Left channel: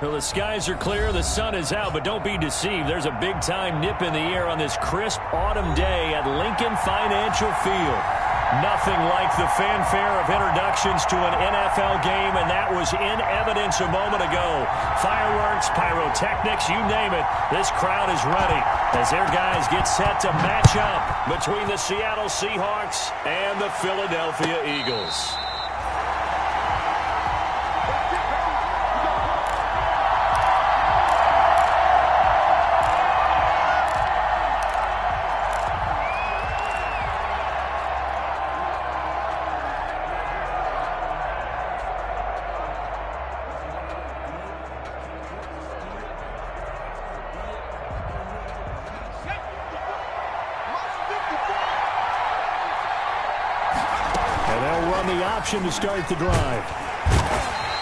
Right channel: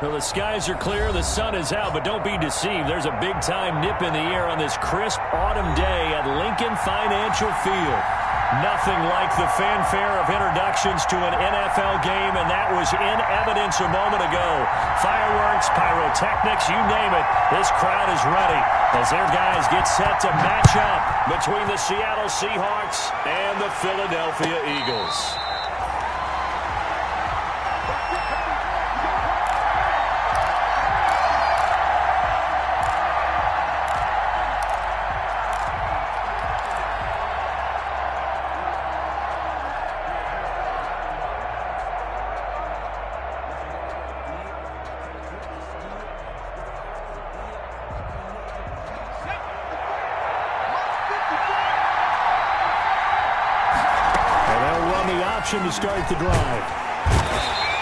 Well, the skies are clear, the sun is out, but don't be deceived. There's a big-time nip in the air on this crisp autumn day at Lincoln Financial Field. Nothing like the fanfare of introductions to an NFL game, and that was in evidence a moment ago. Fireworks, pyrotechnics, you name it. This crowd is ready as their guys get set to match up between the Seattle Seahawks and the Philadelphia Eagles. To start the drive.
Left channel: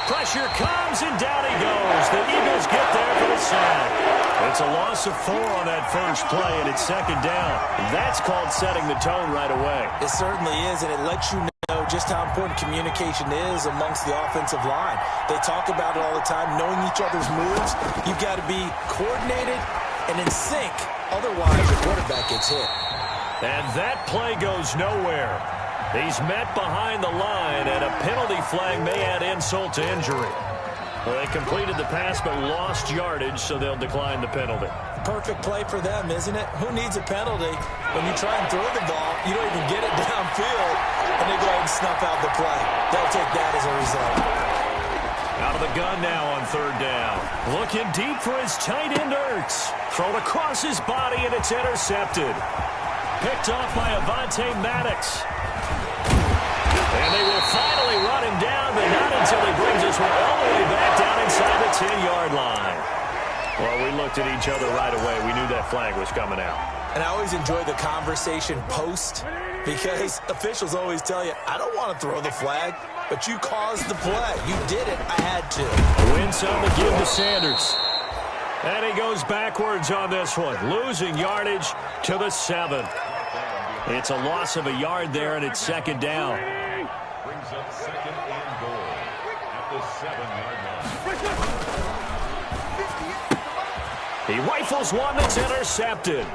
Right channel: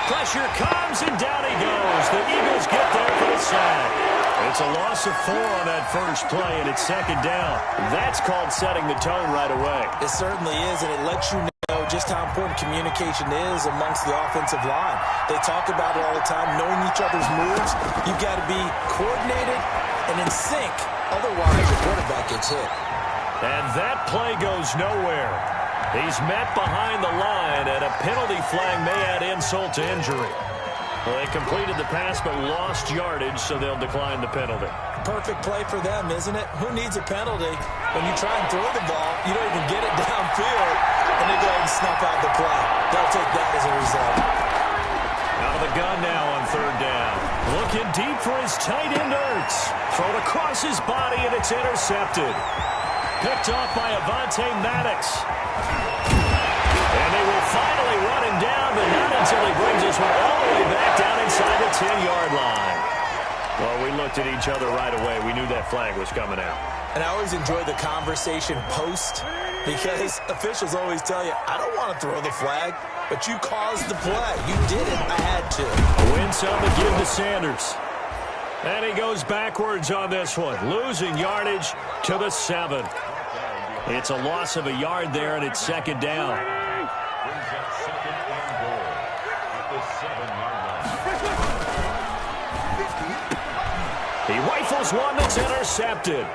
Pressure comes, and down he goes. The Eagles get there for the sack. It's a loss of 4 on that first play, and it's second down. That's called setting the tone right away. It certainly is, and it lets you know just how important communication is amongst the offensive line. They talk about it all the time, knowing each other's moves. You've got to be coordinated and in sync. Otherwise, your quarterback gets hit. And that play goes nowhere. He's met behind the line, and a penalty flag may add insult to injury. Well, they completed the pass but lost yardage, so they'll decline the penalty. Perfect play for them, isn't it? Who needs a penalty? When you try and throw the ball, you don't even get it downfield, and they go ahead and snuff out the play. They'll take that as a result. Out of the gun now on third down. Looking deep for his tight end, Ertz. Thrown across his body, and it's intercepted. Picked off by Avonte Maddox. And they will finally run him down, but not until he brings this one all the way back down inside the 10-yard line. Well, we looked at each other right away. We knew that flag was coming out. And I always enjoy the conversation post because officials always tell you, I don't want to throw the flag, but you caused the play. You did it. I had to. Win some to give to Sanders. And he goes backwards on this one, losing yardage to the 7. It's a loss of a yard there, and it's second down. Brings up second and goal at the 7-yard line. He rifles one that's intercepted.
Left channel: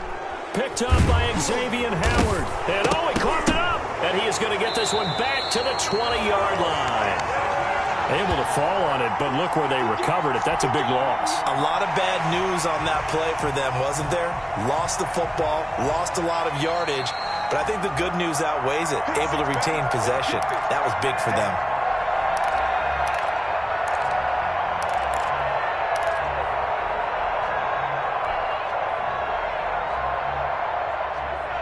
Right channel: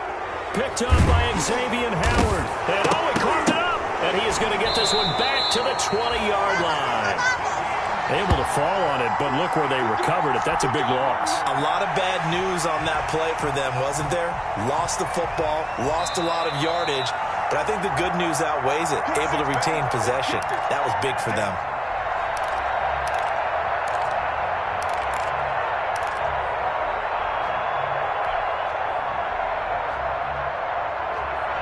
Picked up by Xavier Howard. And he coughed it up. And he is going to get this one back to the 20-yard line. Able to fall on it, but look where they recovered it. That's a big loss. A lot of bad news on that play for them, wasn't there? Lost the football, lost a lot of yardage. But I think the good news outweighs it. Able to retain possession. That was big for them.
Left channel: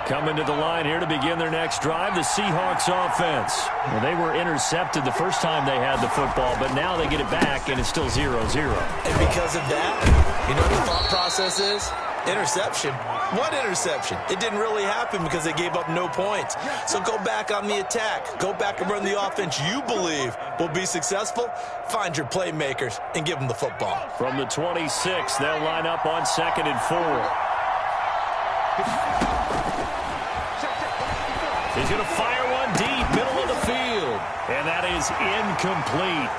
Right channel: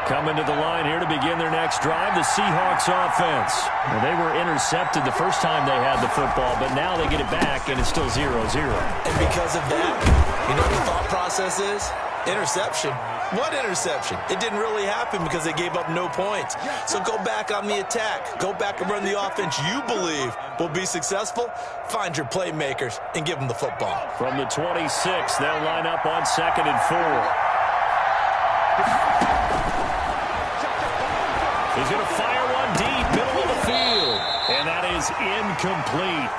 Coming to the line here to begin their next drive, the Seahawks offense. Well, they were intercepted the first time they had the football, but now they get it back, and it's still 0-0. And because of that, you know what the thought process is? Interception. What interception? It didn't really happen because they gave up no points. So go back on the attack. Go back and run the offense you believe will be successful. Find your playmakers and give them the football. From the 26, they'll line up on 2nd and 4. He's going to fire one deep, middle of the field. And that is incomplete.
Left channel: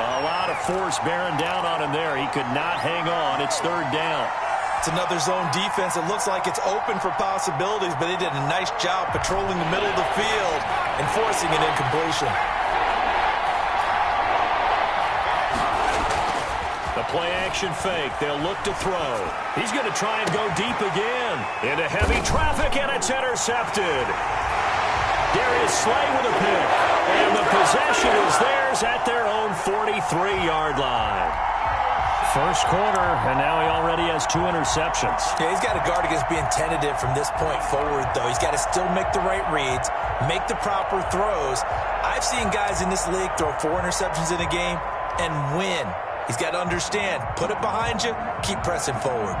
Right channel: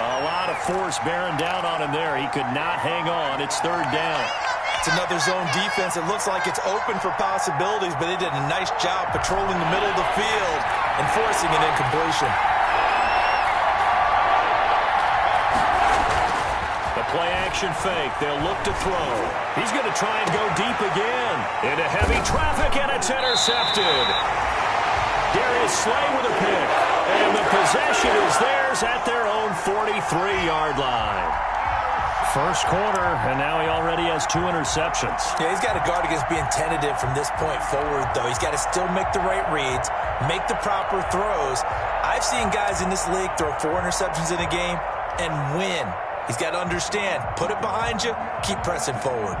A lot of force bearing down on him there. He could not hang on. It's third down. It's another zone defense. It looks like it's open for possibilities, but they did a nice job patrolling the middle of the field and forcing an incompletion. The play-action fake. They'll look to throw. He's going to try and go deep again. Into heavy traffic, and it's intercepted. Darius Slay with a pick. And the possession is theirs at their own 43-yard line. First quarter, and now he already has 2 interceptions. Yeah, he's got to guard against being tentative from this point forward, though. He's got to still make the right reads, make the proper throws. I've seen guys in this league throw 4 interceptions in a game and win. He's got to understand, put it behind you, keep pressing forward.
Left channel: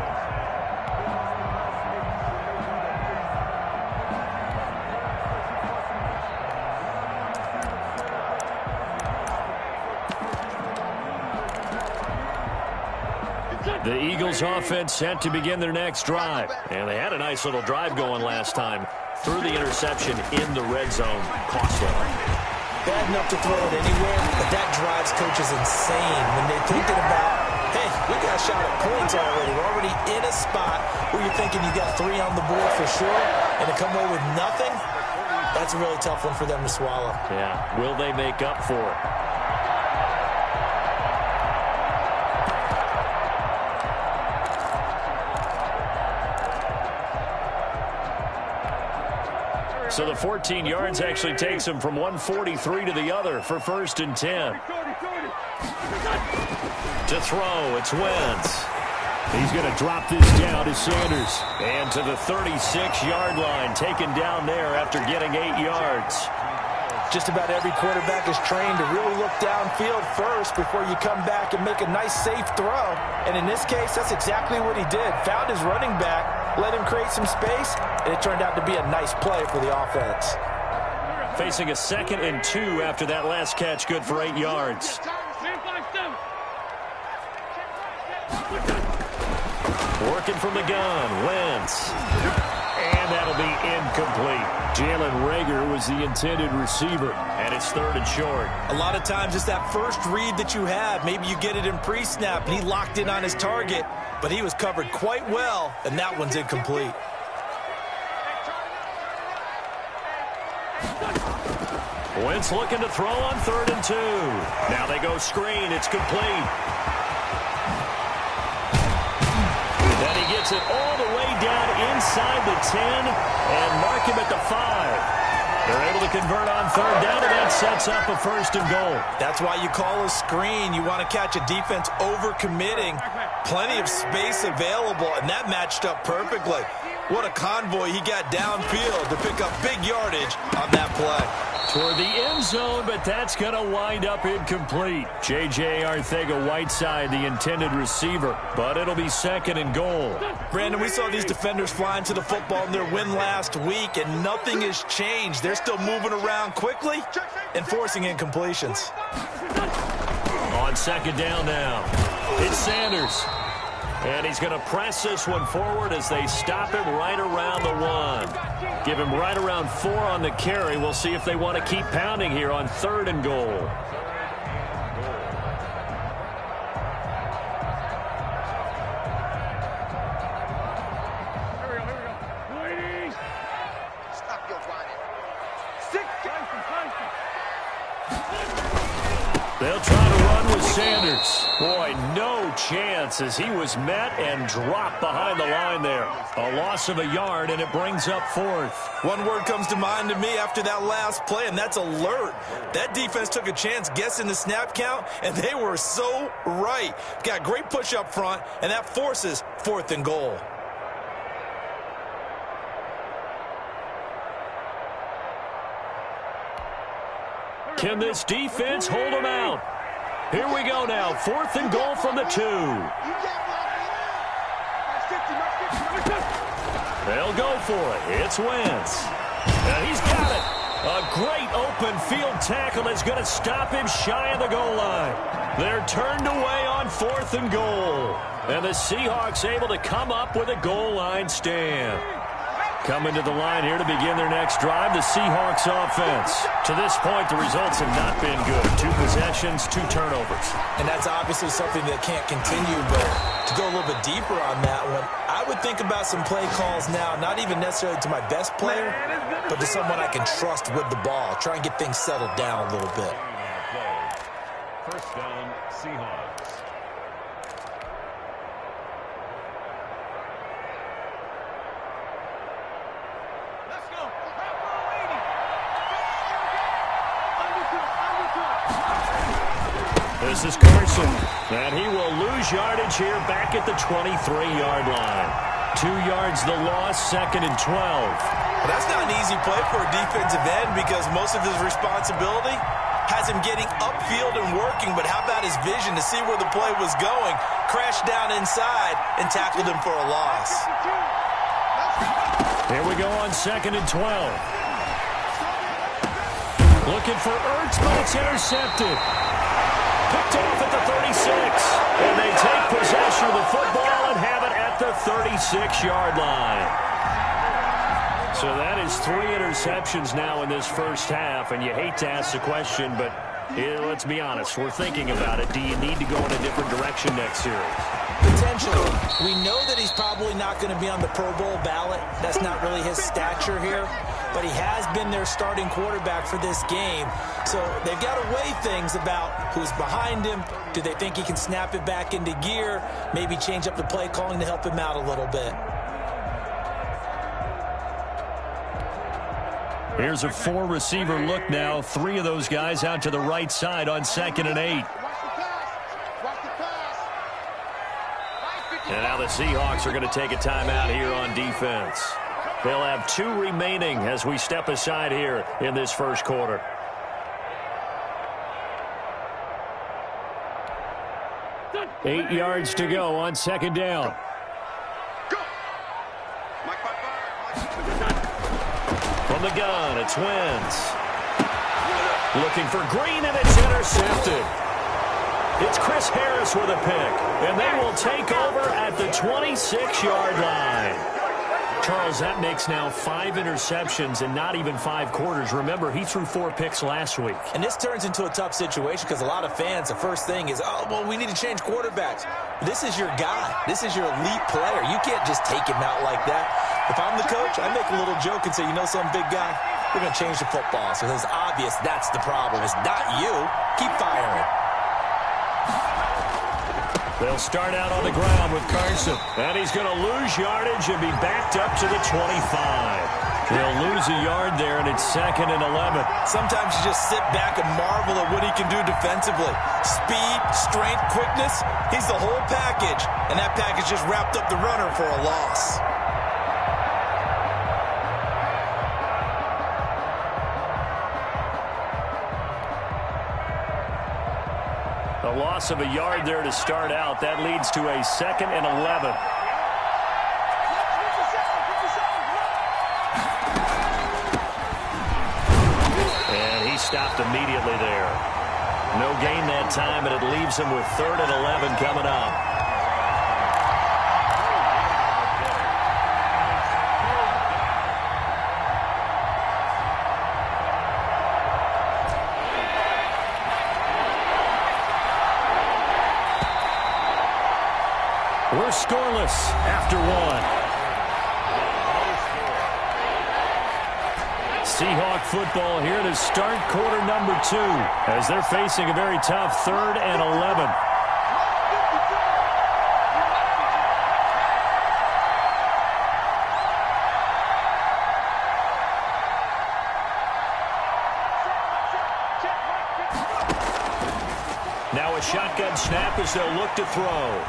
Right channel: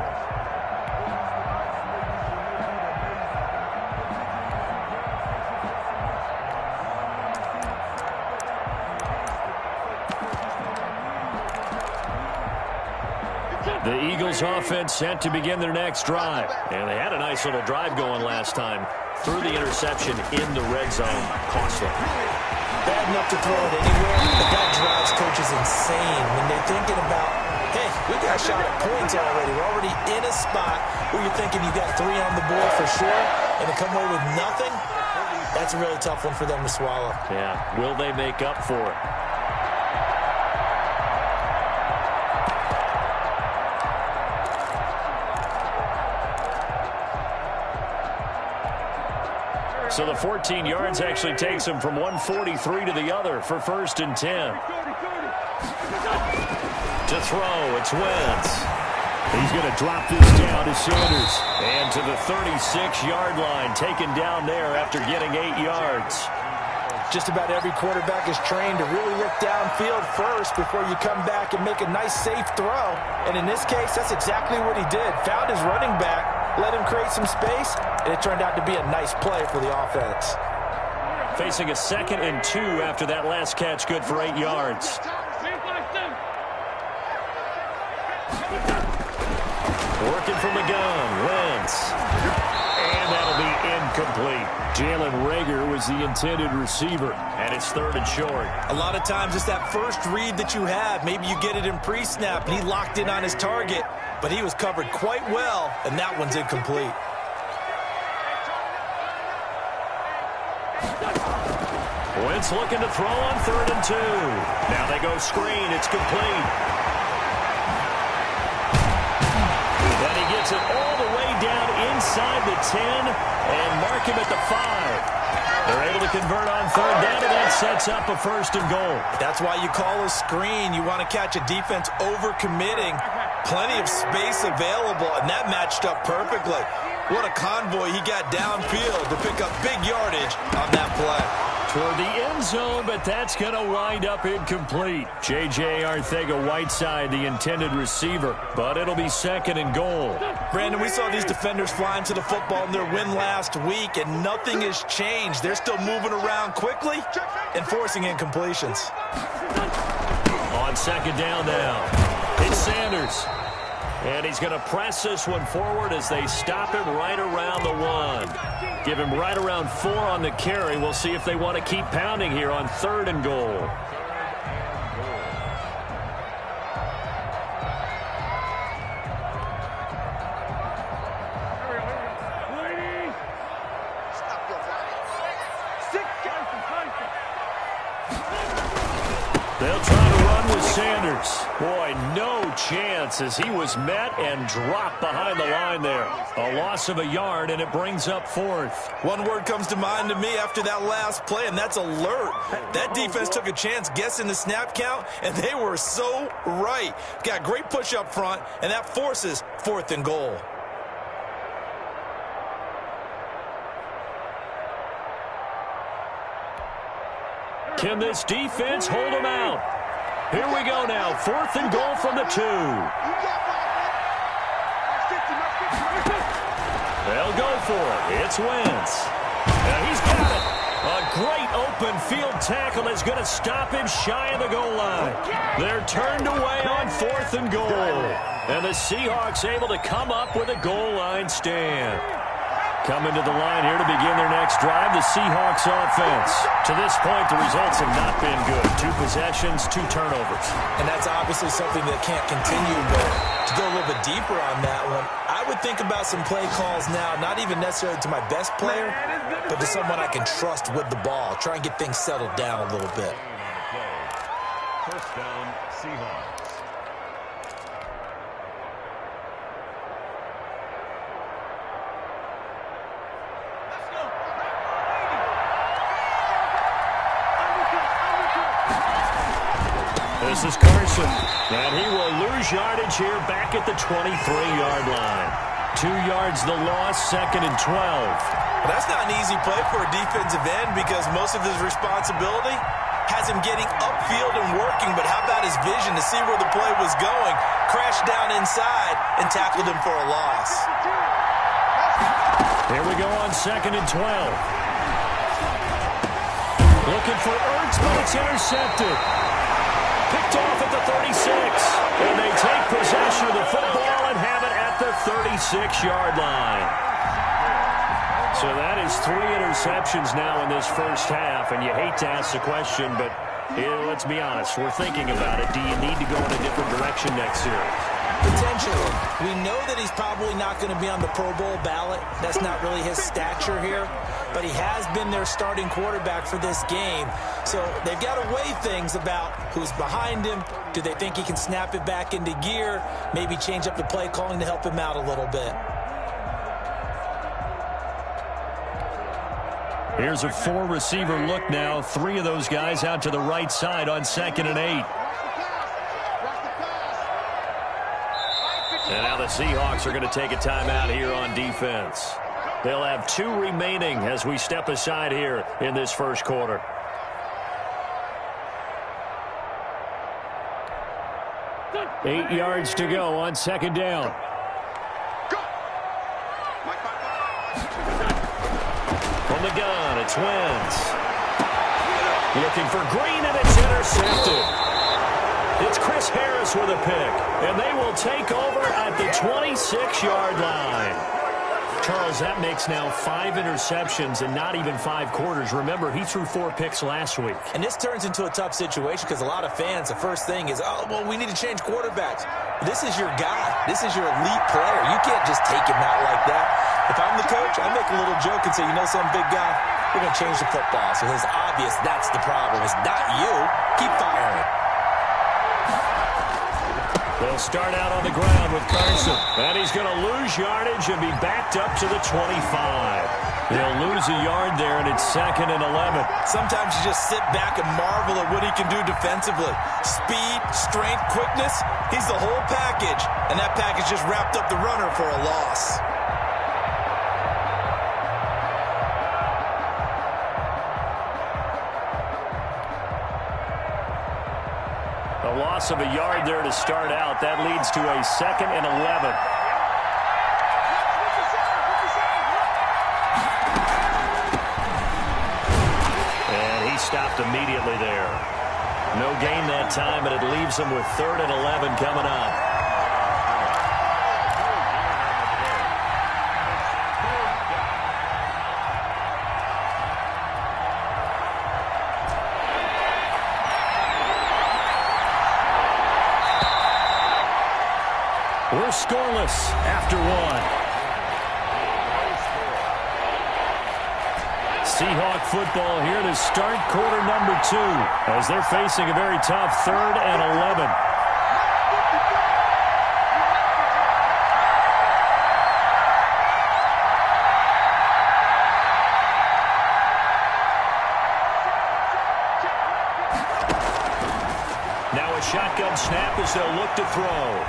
The Eagles offense set to begin their next drive. And they had a nice little drive going last time. Threw the interception in the red zone. Costly. Bad enough to throw it anywhere, but that drives coaches insane when they're thinking about, hey, Hey, we got a shot at points already. We're already in a spot where you're thinking you got 3 on the board for sure, and to come away with nothing, that's a really tough one for them to swallow. Yeah, will they make up for it? So the 14 yards actually takes him from 143 to the other for 1st and 10. To throw, it's Wentz. He's going to drop this down to Sanders. And to the 36-yard line, taken down there after getting 8 yards. Just about every quarterback is trained to really look downfield first before you come back and make a nice, safe throw. And in this case, that's exactly what he did. Found his running back, let him create some space, and it turned out to be a nice play for the offense. Facing a 2nd and 2 after that last catch, good for 8 yards. Working from the gun, Wentz. And that'll be incomplete. Jalen Reagor was the intended receiver, and it's 3rd and short. A lot of times it's that first read that you have. Maybe you get it in pre-snap, and he locked in on his target, but he was covered quite well, and that one's incomplete. Wentz looking to throw on 3rd and 2. Now they go screen. It's complete. And he gets it all the way down inside the 10 and mark him at the 5. They're able to convert on 3rd down, and that sets up a 1st and goal. That's why you call a screen. You want to catch a defense over-committing. Plenty of space available, and that matched up perfectly. What a convoy he got downfield to pick up big yardage on that play. Toward the end zone, but that's going to wind up incomplete. J.J. Arcega-Whiteside, the intended receiver, but it'll be 2nd and goal. Brandon, we saw these defenders flying to the football in their win last week, and nothing has changed. They're still moving around quickly and forcing incompletions. On 2nd down now, it's Sanders. And he's going to press this one forward as they stop him right around the 1. Give him right around 4 on the carry. We'll see if they want to keep pounding here on 3rd and goal. They'll try to run with Sanders. Boy, no chance as he was met and dropped behind the line there. A loss of a yard, and it brings up 4th. One word comes to mind to me after that last play, and that's alert. That defense took a chance guessing the snap count, and they were so right. Got great push up front, and that forces 4th and goal. Can this defense hold them out? Here we go now. 4th and goal from the 2. They'll go for it. It's Wentz. Now he's got it. A great open field tackle is going to stop him shy of the goal line. They're turned away on 4th and goal. And the Seahawks able to come up with a goal line stand. Coming to the line here to begin their next drive, the Seahawks offense. To this point, the results have not been good. 2 possessions, 2 turnovers. And that's obviously something that can't continue, but to go a little bit deeper on that one, I would think about some play calls now, not even necessarily to my best player, but to someone I can trust with the ball. Try and get things settled down a little bit. 1st down, Seahawks. This is Carson, and he will lose yardage here back at the 23-yard line. 2 yards the loss, 2nd and 12. Well, that's not an easy play for a defensive end because most of his responsibility has him getting upfield and working, but how about his vision to see where the play was going, crashed down inside, and tackled him for a loss. Here we go on 2nd and 12. Looking for Ertz, but it's intercepted. Picked off at the 36, and they take possession of the football and have it at the 36-yard line. So that is 3 interceptions now in this first half, and you hate to ask the question, but Yeah, let's be honest. We're thinking about it. Do you need to go in a different direction next series? Potentially. We know that he's probably not going to be on the Pro Bowl ballot. That's not really his stature here. But he has been their starting quarterback for this game. So they've got to weigh things about who's behind him. Do they think he can snap it back into gear? Maybe change up the play calling to help him out a little bit. Here's a four-receiver look now. Three of those guys out to the right side on 2nd and 8. And now the Seahawks are going to take a timeout here on defense. They'll have 2 remaining as we step aside here in this first quarter. Eight yards to go on 2nd down. From the gun, it's Wentz. Looking for Green, and it's intercepted. It's Chris Harris with a pick, and they will take over at the 26-yard line. Charles, that makes now 5 interceptions in not even 5 quarters. Remember, he threw 4 picks last week. And this turns into a tough situation because a lot of fans, the first thing is, oh, well, we need to change quarterbacks. This is your guy. This is your elite player. You can't just take him out like that. If I'm the coach, I make a little joke and say, you know some big guy, we're going to change the football. So it's obvious that's the problem. It's not you. Keep firing. They'll start out on the ground with Carson. And he's going to lose yardage and be backed up to the 25. They'll lose a yard there, and it's 2nd and 11. Sometimes you just sit back and marvel at what he can do defensively. Speed, strength, quickness, he's the whole package. And that package just wrapped up the runner for a loss. A loss of a yard there to start out. That leads to a 2nd and 11. And he stopped immediately there. No gain that time, and it leaves him with 3rd and 11 coming up. We're scoreless after 1. Seahawk football here to start quarter number 2 as they're facing a very tough 3rd and 11. Now a shotgun snap as they'll look to throw.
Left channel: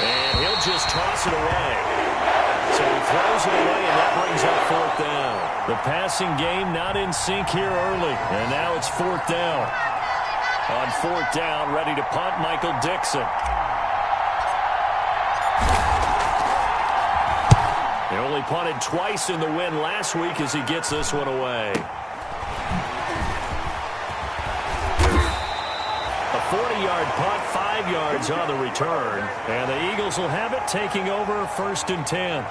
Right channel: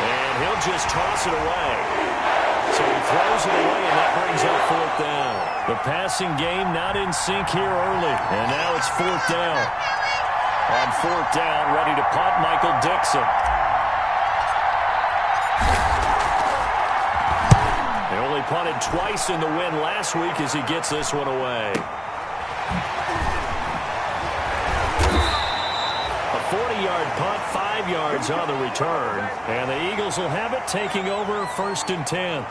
And he'll just toss it away. So he throws it away, and that brings up 4th down. The passing game not in sync here early. And now it's 4th down. On 4th down, ready to punt, Michael Dixon. He only punted twice in the win last week as he gets this one away. A 40-yard punt, 5 yards on the return. And the Eagles will have it, taking over 1st and 10.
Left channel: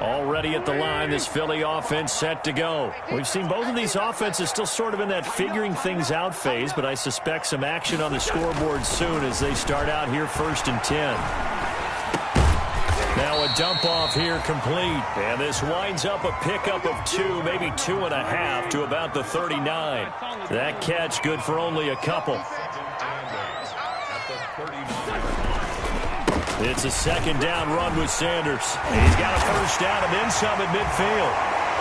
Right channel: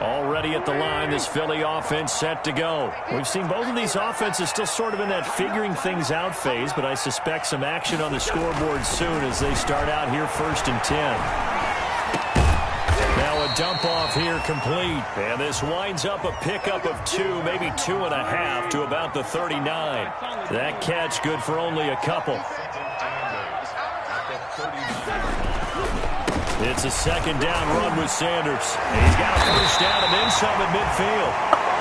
Already at the line, this Philly offense set to go. We've seen both of these offenses still sort of in that figuring things out phase, but I suspect some action on the scoreboard soon as they start out here 1st and 10. Now a dump off here complete. And this winds up a pickup of 2, maybe 2.5 to about the 39. That catch good for only a couple. It's a 2nd down run with Sanders. He's got a 1st down and then some at midfield.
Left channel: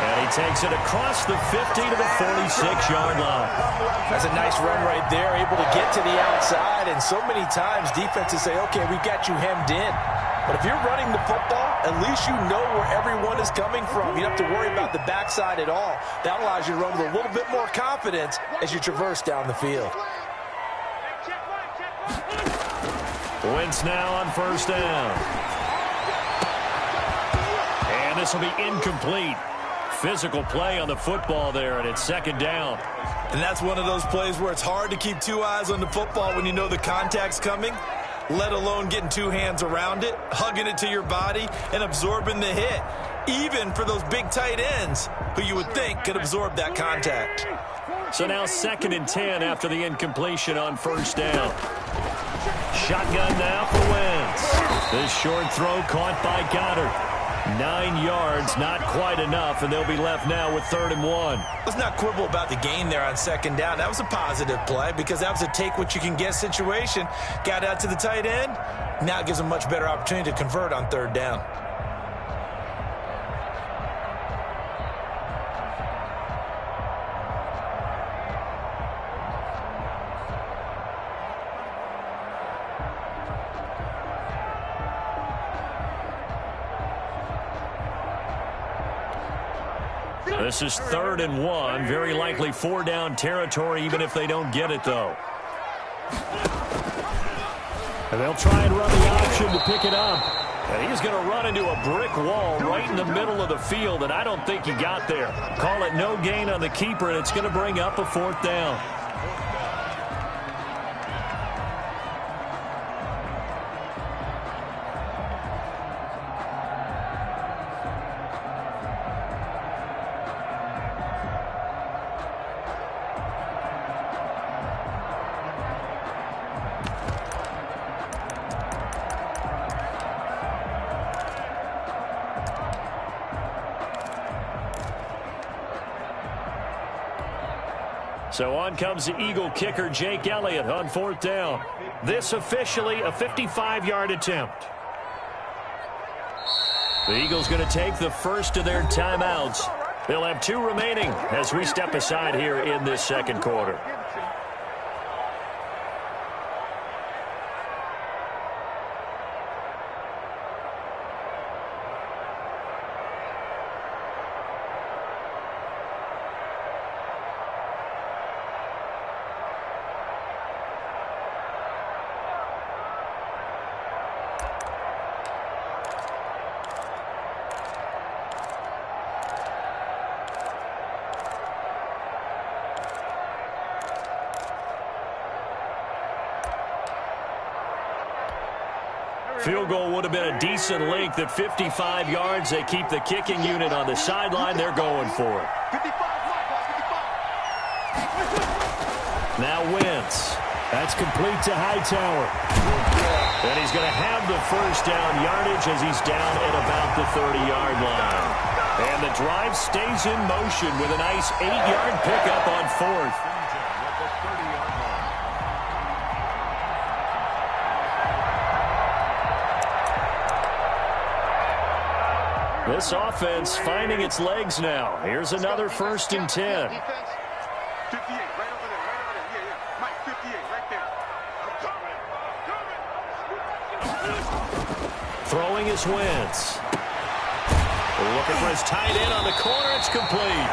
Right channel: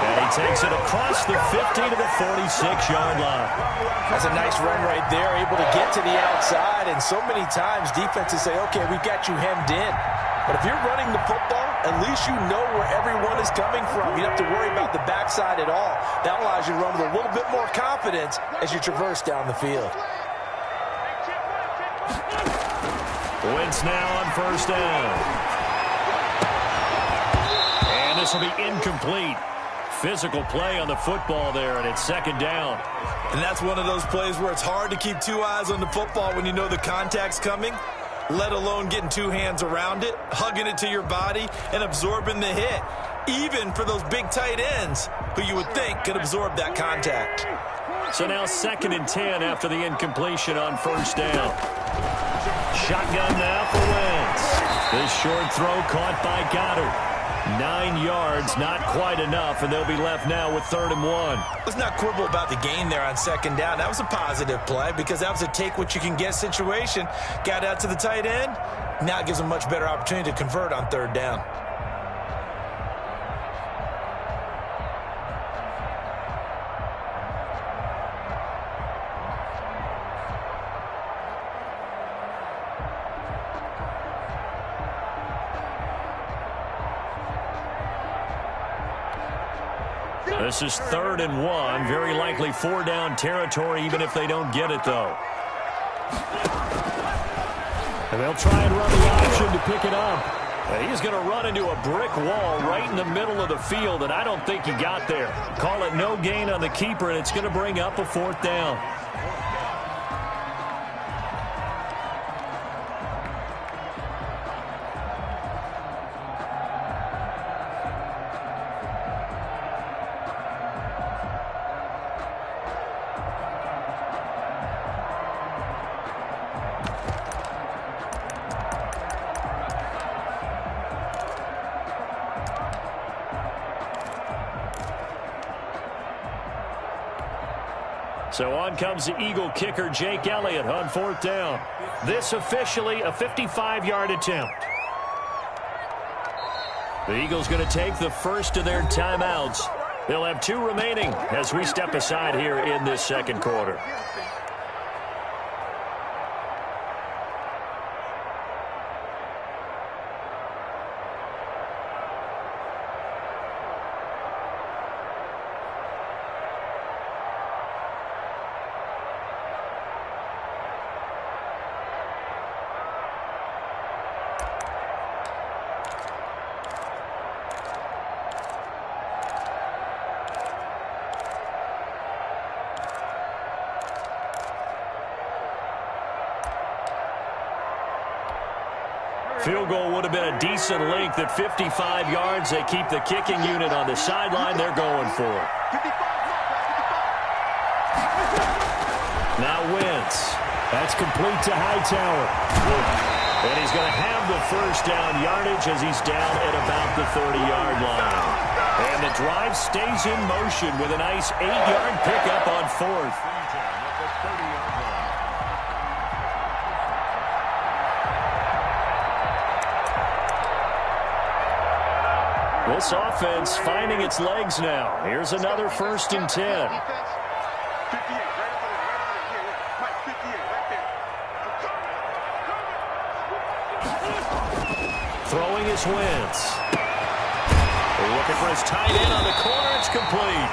And he takes it across the 50 to the 46-yard line. That's a nice run right there, able to get to the outside. And so many times defenses say, okay, we've got you hemmed in. But if you're running the football, at least you know where everyone is coming from. You don't have to worry about the backside at all. That allows you to run with a little bit more confidence as you traverse down the field. Wentz now on 1st down. And this will be incomplete. Physical play on the football there, and it's 2nd down. And that's one of those plays where it's hard to keep 2 eyes on the football when you know the contact's coming, let alone getting 2 hands around it, hugging it to your body, and absorbing the hit. even for those big tight ends who you would think could absorb that contact. So now 2nd and 10 after the incompletion on 1st down. Shotgun now for Wentz. This short throw caught by Goddard. 9 yards, not quite enough, and they'll be left now with 3rd and 1. Let's not quibble about the gain there on 2nd down. That was a positive play because that was a take-what-you-can-get situation. Got out to the tight end. Now it gives them a much better opportunity to convert on 3rd down. This is 3rd and 1. Very likely 4-down territory, even if they don't get it, though. And they'll try and run the option to pick it up. And he's going to run into a brick wall right in the middle of the field, and I don't think he got there. Call it no gain on the keeper, and it's going to bring up a 4th down. So on comes the Eagle kicker, Jake Elliott, on 4th down. This officially a 55-yard attempt. The Eagles going to take the first of their timeouts. They'll have 2 remaining as we step aside here in this 2nd quarter. Field goal would have been a decent length at 55 yards. They keep the kicking unit on the sideline. They're going for it. Now Wentz. That's complete to Hightower. And he's going to have the 1st down yardage as he's down at about the 30-yard line. And the drive stays in motion with a nice 8-yard pickup on 4th. This offense finding its legs now. Here's another 1st and 10. 58, right over there, Yeah. Mike, 58, right there. Throwing is Wentz. Looking for his tight end on the corner. It's complete.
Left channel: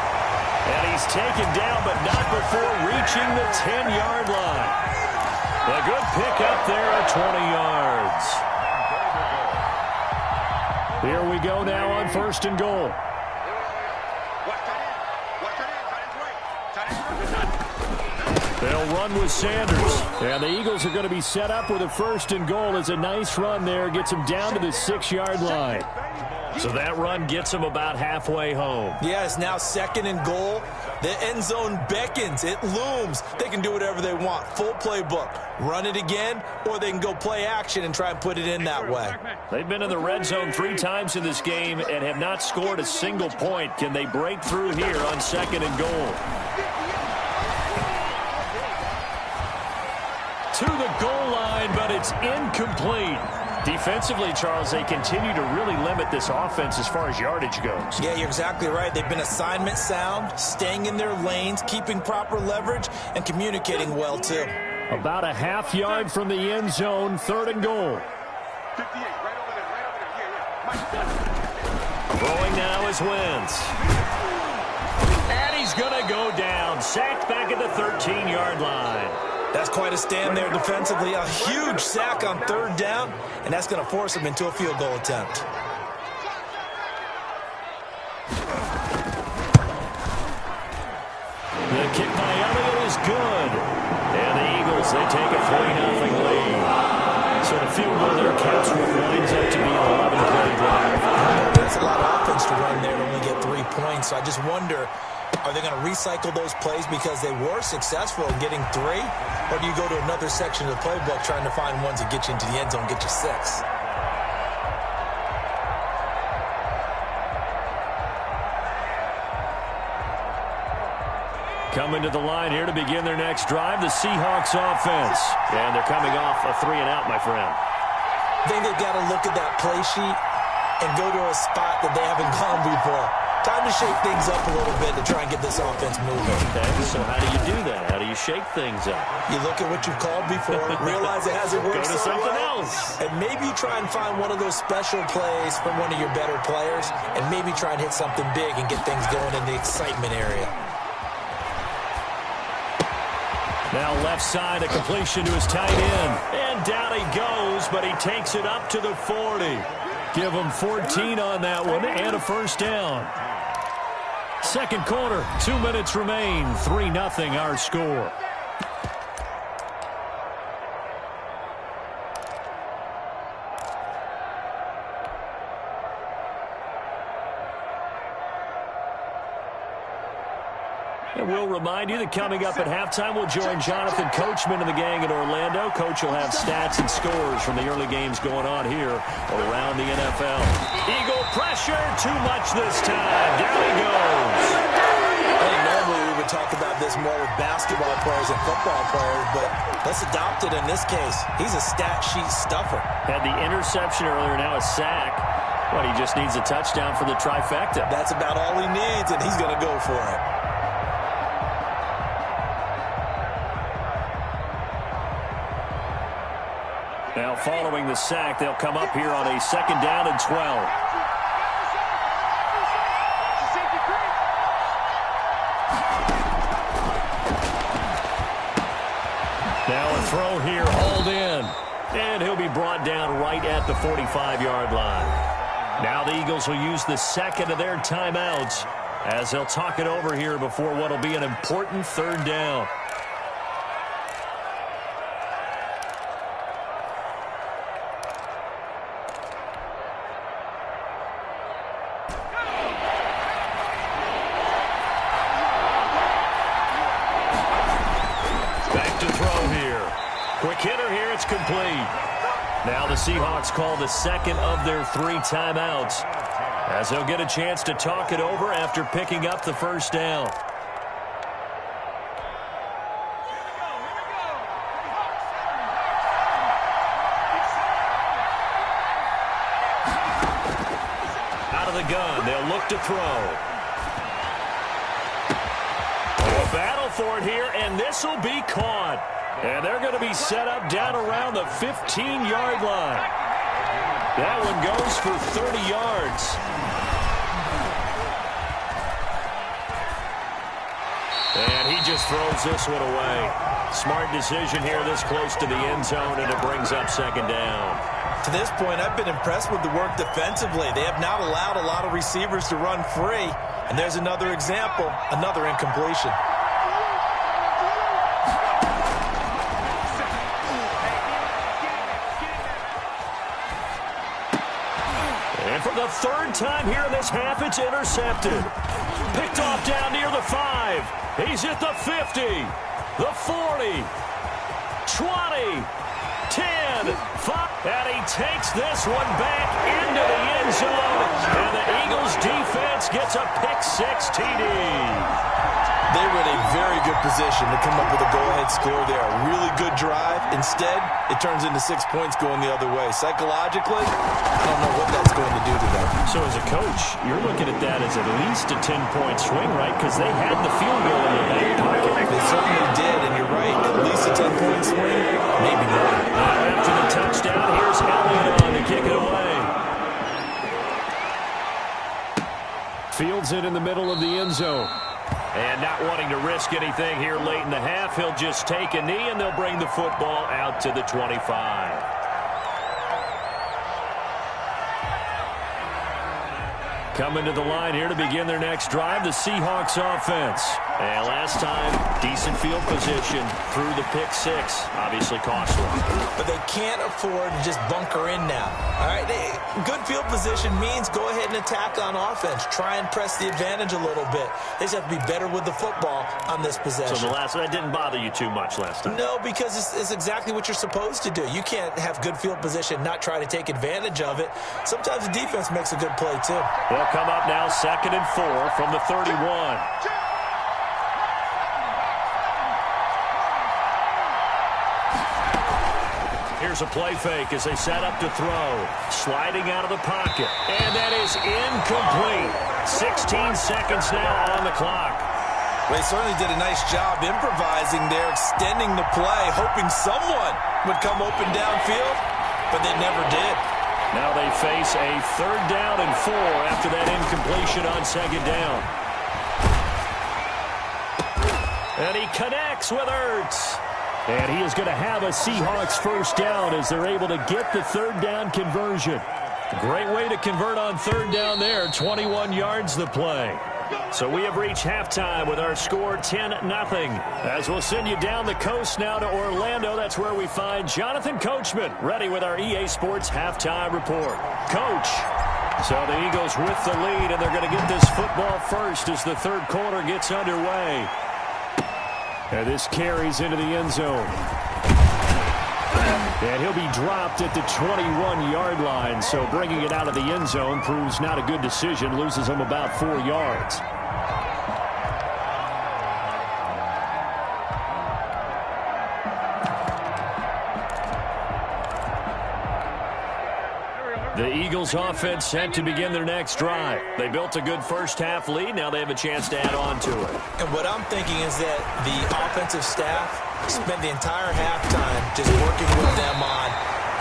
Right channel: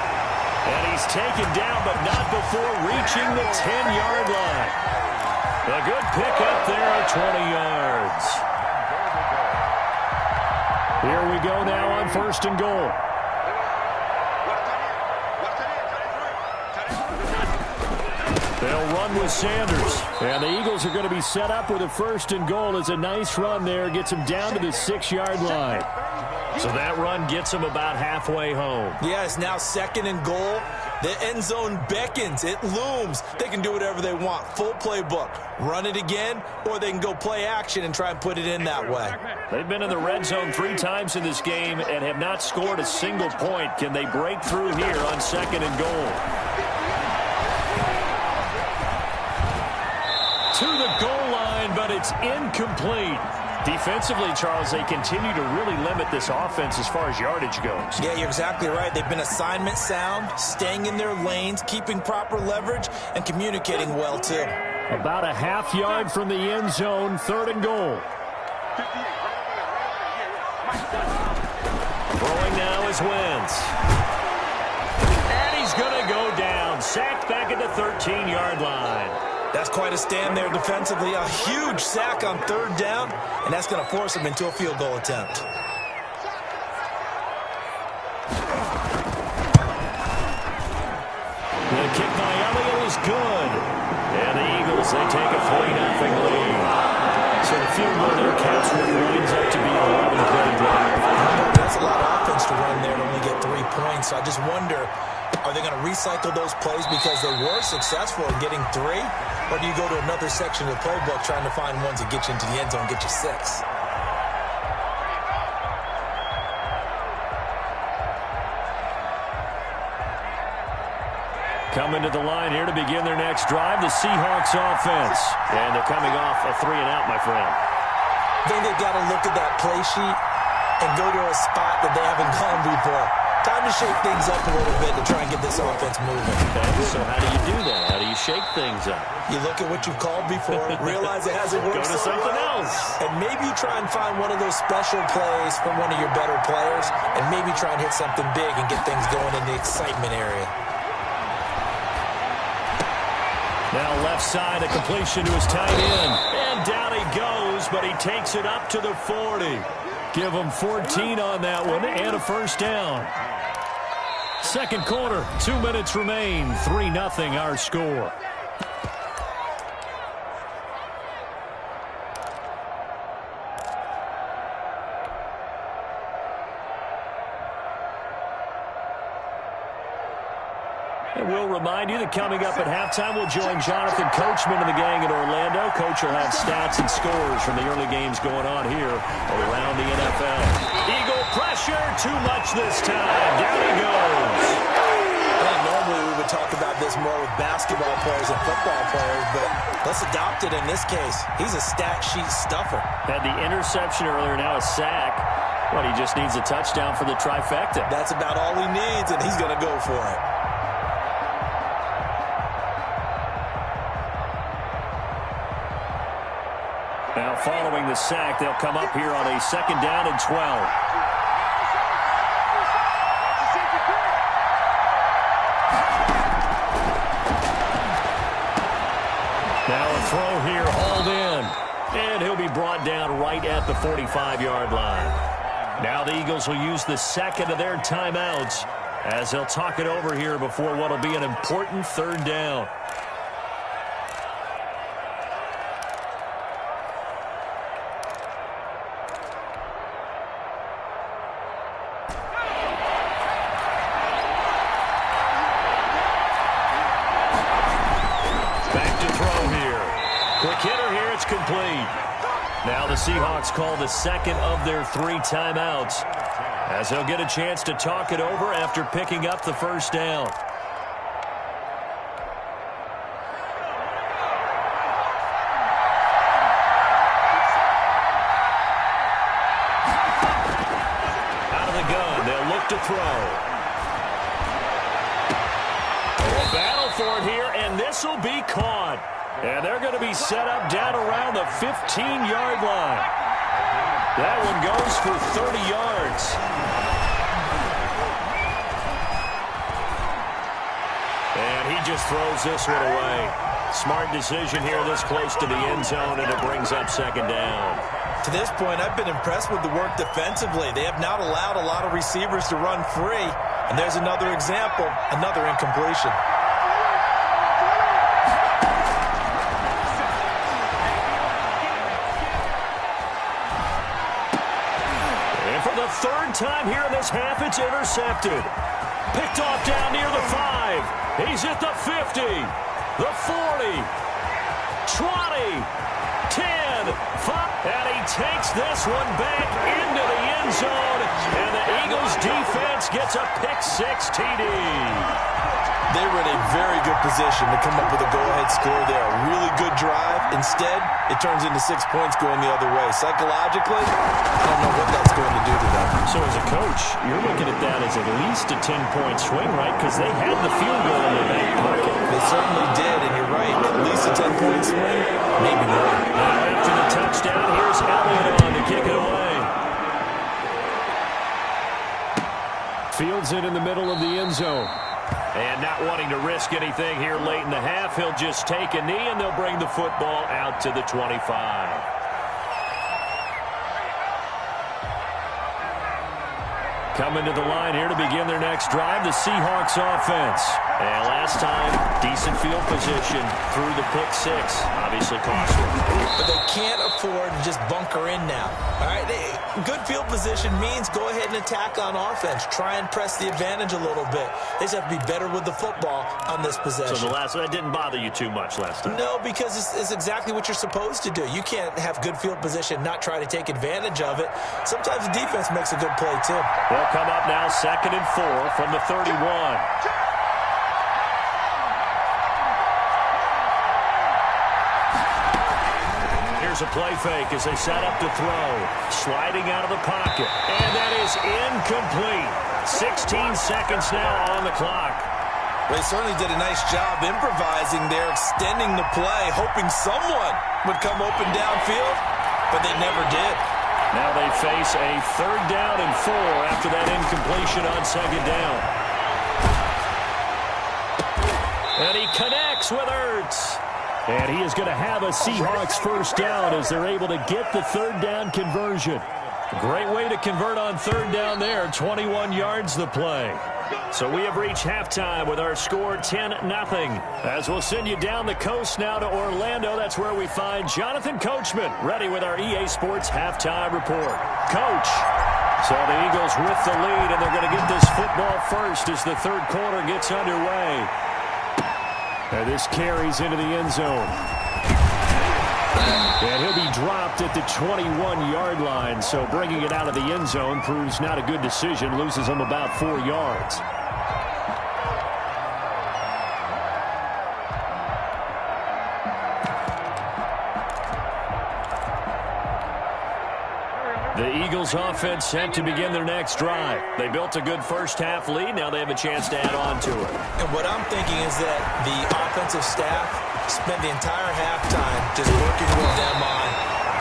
And he's taken down, but not before reaching the 10-yard line. A good pickup there at 20 yards. Here we go now on 1st and goal. They'll run with Sanders. And the Eagles are going to be set up with a 1st and goal as a nice run there. Gets them down to the 6-yard line. So that run gets them about halfway home. Yeah, it's now 2nd and goal. The end zone beckons. It looms. They can do whatever they want. Full playbook. Run it again, or they can go play action and try and put it in that way. They've been in the red zone 3 times in this game and have not scored a single point. Can they break through here on 2nd and goal? To the goal line, but it's incomplete. Defensively, Charles, they continue to really limit this offense as far as yardage goes. Yeah, you're exactly right. They've been assignment sound, staying in their lanes, keeping proper leverage, and communicating well, too. About a half yard from the end zone, 3rd and goal. 58, right over there, Yeah. Throwing now is Wentz. And he's going to go down. Sacked back at the 13-yard line. That's quite a stand there defensively. A huge sack on 3rd down, and that's going to force them into a field goal attempt. The kick by Elliott is good. And the Eagles, they take a 3-0 lead. So the field goal there counts what winds up to be an 11-play drive. That's a lot of offense chance to run there to only get 3 points. So I just wonder, are they going to recycle those plays because they were successful in getting 3? Or do you go to another section of the playbook trying to find ones that get you into the end zone, get you 6? Coming to the line here to begin their next drive, the Seahawks offense. And they're coming off a 3-and-out, my friend. I think they've got to look at that play sheet and go to a spot that they haven't gone before. Time to shake things up a little bit to try and get this offense moving. Okay, so how do you do that? How do you shake things up? You look at what you've called before, realize it hasn't worked. Go to something else. And maybe you try and find one of those special plays from one of your better players, and maybe try and hit something big and get things going in the excitement area. Now left side, a completion to his tight end. And down he goes, but he takes it up to the 40. Give him 14 on that one and a first down. Second quarter, 2 minutes remain. 3-0 our score. And we'll remind you that coming up at halftime, we'll join Jonathan Coachman and the gang in Orlando. Coach will have stats and scores from the early games going on here around the NFL. Eagle pressure, too much this time. Down he goes. I think normally we would talk about this more with basketball players and football players, but let's adopt it in this case. He's a stat sheet stuffer. Had the interception earlier, now a sack. But he just needs a touchdown for the trifecta. That's about all he needs, and he's going to go for it. Now following the sack, they'll come up here on a 2nd down and 12. Now a throw here, hauled in. And he'll be brought down right at the 45-yard line. Now the Eagles will use the second of their timeouts as they'll talk it over here before what will be an important 3rd down. Quick hitter here, it's complete. Now the Seahawks call the second of their 3 timeouts as they'll get a chance to talk it over after picking up the first down. Out of the gun, they'll look to throw. A battle for it here, and this will be caught. And they're going to be set up down around the 15-yard line. That one goes for 30 yards. And he just throws this one away. Smart decision here this close to the end zone, and it brings up 2nd down. To this point, I've been impressed with the work defensively. They have not allowed a lot of receivers to run free. And there's another example, another incompletion. For the 3rd time here in this half, it's intercepted. Picked off down near the 5. He's at the 50, the 40, 20, 10, 5. And he takes this one back into the end zone. And the Eagles defense gets a pick-6 TD. They were in a very good position to come up with a go-ahead score there. A really good drive. Instead, it turns into 6 points going the other way. Psychologically, I don't know what that's going to do to them. So as a coach, you're looking at that as at least a 10-point swing, right? Because they had the field goal in their back pocket. They certainly did, and you're right. At least a 10-point swing, maybe more. Now after the touchdown, here's Elliott on to kick it away. Fields it in the middle of the end zone. And not wanting to risk anything here late in the half, he'll just take a knee, and they'll bring the football out to the 25. Coming to the line here to begin their next drive, the Seahawks offense. And last time, decent field position through the pick six. Obviously costly. But they can't afford to just bunker in now. All right, good field position means go ahead and attack on offense. Try and press the advantage a little bit. They just have to be better with the football on this possession. So that didn't bother you too much last time? No, because it's exactly what you're supposed to do. You can't have good field position, not try to take advantage of it. Sometimes the defense makes a good play, too. They'll come up now 2nd and 4 from the 31. Here's a play fake as they set up to throw. Sliding out of the pocket. And that is incomplete. 16 seconds now on the clock. Well, he certainly did a nice job improvising there, extending the play, hoping someone would come open downfield, but they never did. Now they face a 3rd down and 4 after that incompletion on 2nd down. And he connects with Ertz. And he is going to have a Seahawks 1st down as they're able to get the 3rd down conversion. Great way to convert on 3rd down there. 21 yards the play. So we have reached halftime with our score 10-0. As we'll send you down the coast now to Orlando. That's where we find Jonathan Coachman ready with our EA Sports halftime report. Coach. So the Eagles with the lead, and they're going to get this football first as the 3rd quarter gets underway. And this carries into the end zone. And he'll be dropped at the 21-yard line. So bringing it out of the end zone proves not a good decision. Loses him about 4 yards. The Eagles offense set to begin their next drive. They built a good 1st half lead. Now they have a chance to add on to it. And what I'm thinking is that the offensive staff spent the entire halftime just working with them on,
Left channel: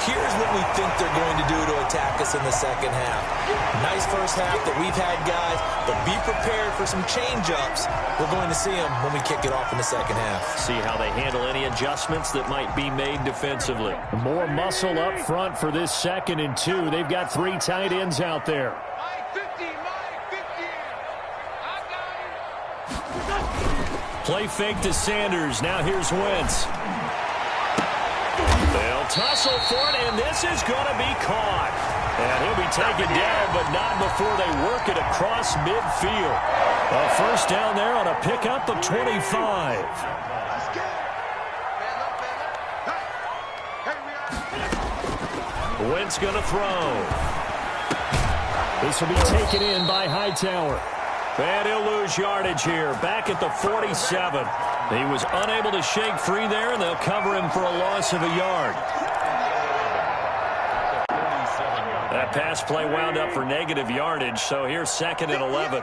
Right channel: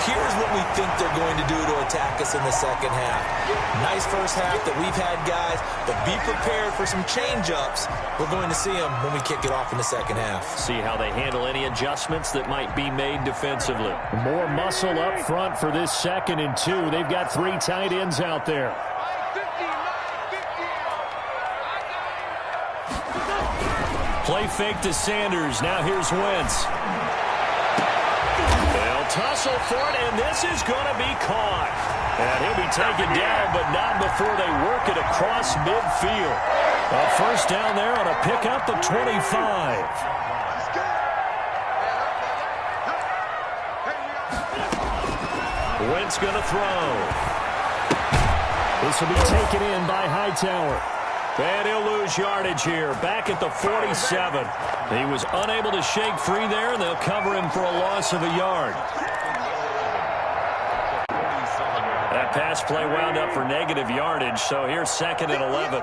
here's what we think they're going to do to attack us in the 2nd half. Nice 1st half that we've had, guys, but be prepared for some change-ups. We're going to see them when we kick it off in the 2nd half. See how they handle any adjustments that might be made defensively. More muscle up front for this 2nd and 2. They've got 3 tight ends out there. Play fake to Sanders. Now here's Wentz. They'll tussle for it, and this is going to be caught. And he'll be taken down, but not before they work it across midfield. A 1st down there on a pickup of 25. Wentz going to throw. This will be taken in by Hightower. And he'll lose yardage here, back at the 47. He was unable to shake free there, and they'll cover him for a loss of a yard. That pass play wound up for negative yardage, so here's 2nd and 11.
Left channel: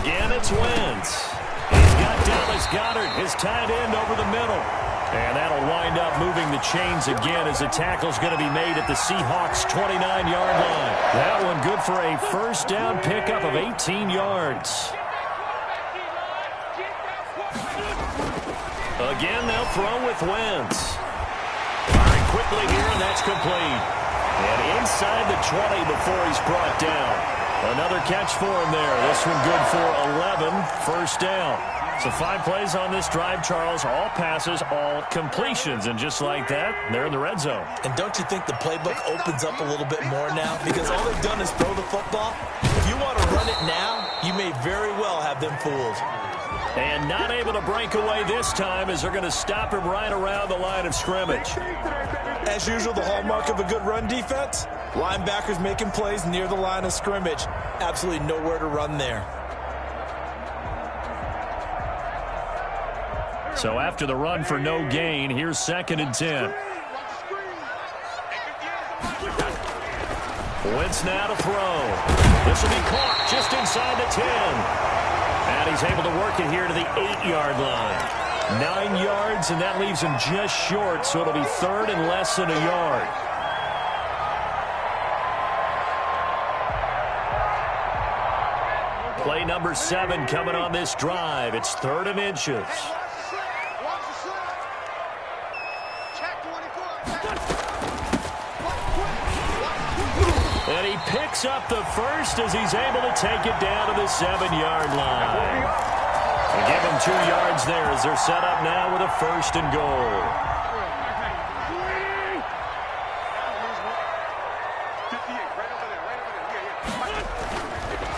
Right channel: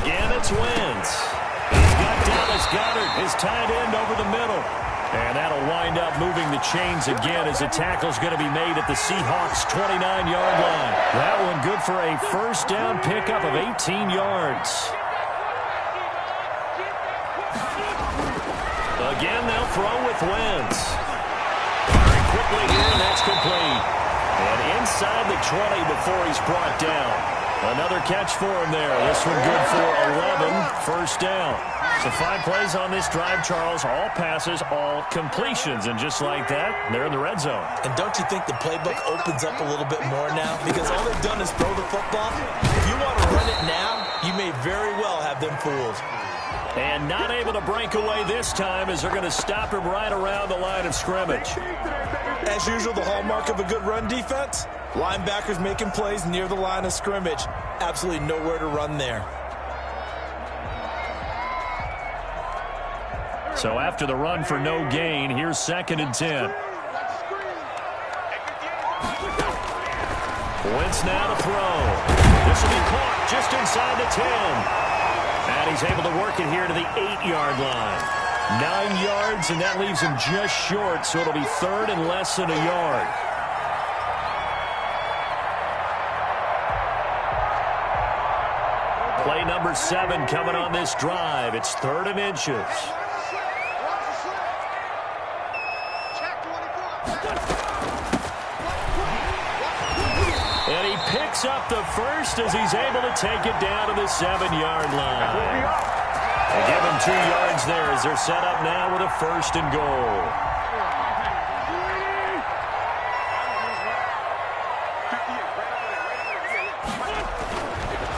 Again, it's Wentz. He's got Dallas Goedert, his tight end, over the middle. And that'll wind up moving the chains again as the tackle's going to be made at the Seahawks' 29-yard line. That one good for a 1st down pickup of 18 yards. Again, they'll throw with Wentz. Firing quickly here, and that's complete. And inside the 20 before he's brought down. Another catch for him there. This one good for 11, 1st down. So 5 plays on this drive, Charles. All passes, all completions. And just like that, they're in the red zone. And don't you think the playbook opens up a little bit more now? Because all they've done is throw the football. If you want to run it now, you may very well have them fooled. And not able to break away this time as they're going to stop him right around the line of scrimmage. As usual, the hallmark of a good run defense, linebackers making plays near the line of scrimmage. Absolutely nowhere to run there. So after the run for no gain, here's 2nd and 10. Wentz now to throw. This will be caught just inside the 10. And he's able to work it here to the 8-yard line. 9 yards, and that leaves him just short, so it'll be 3rd and less than a yard. Play number 7 coming on this drive. It's 3rd and inches. And he picks up the first as he's able to take it down to the 7-yard line. And give him 2 yards there as they're set up now with a 1st and goal.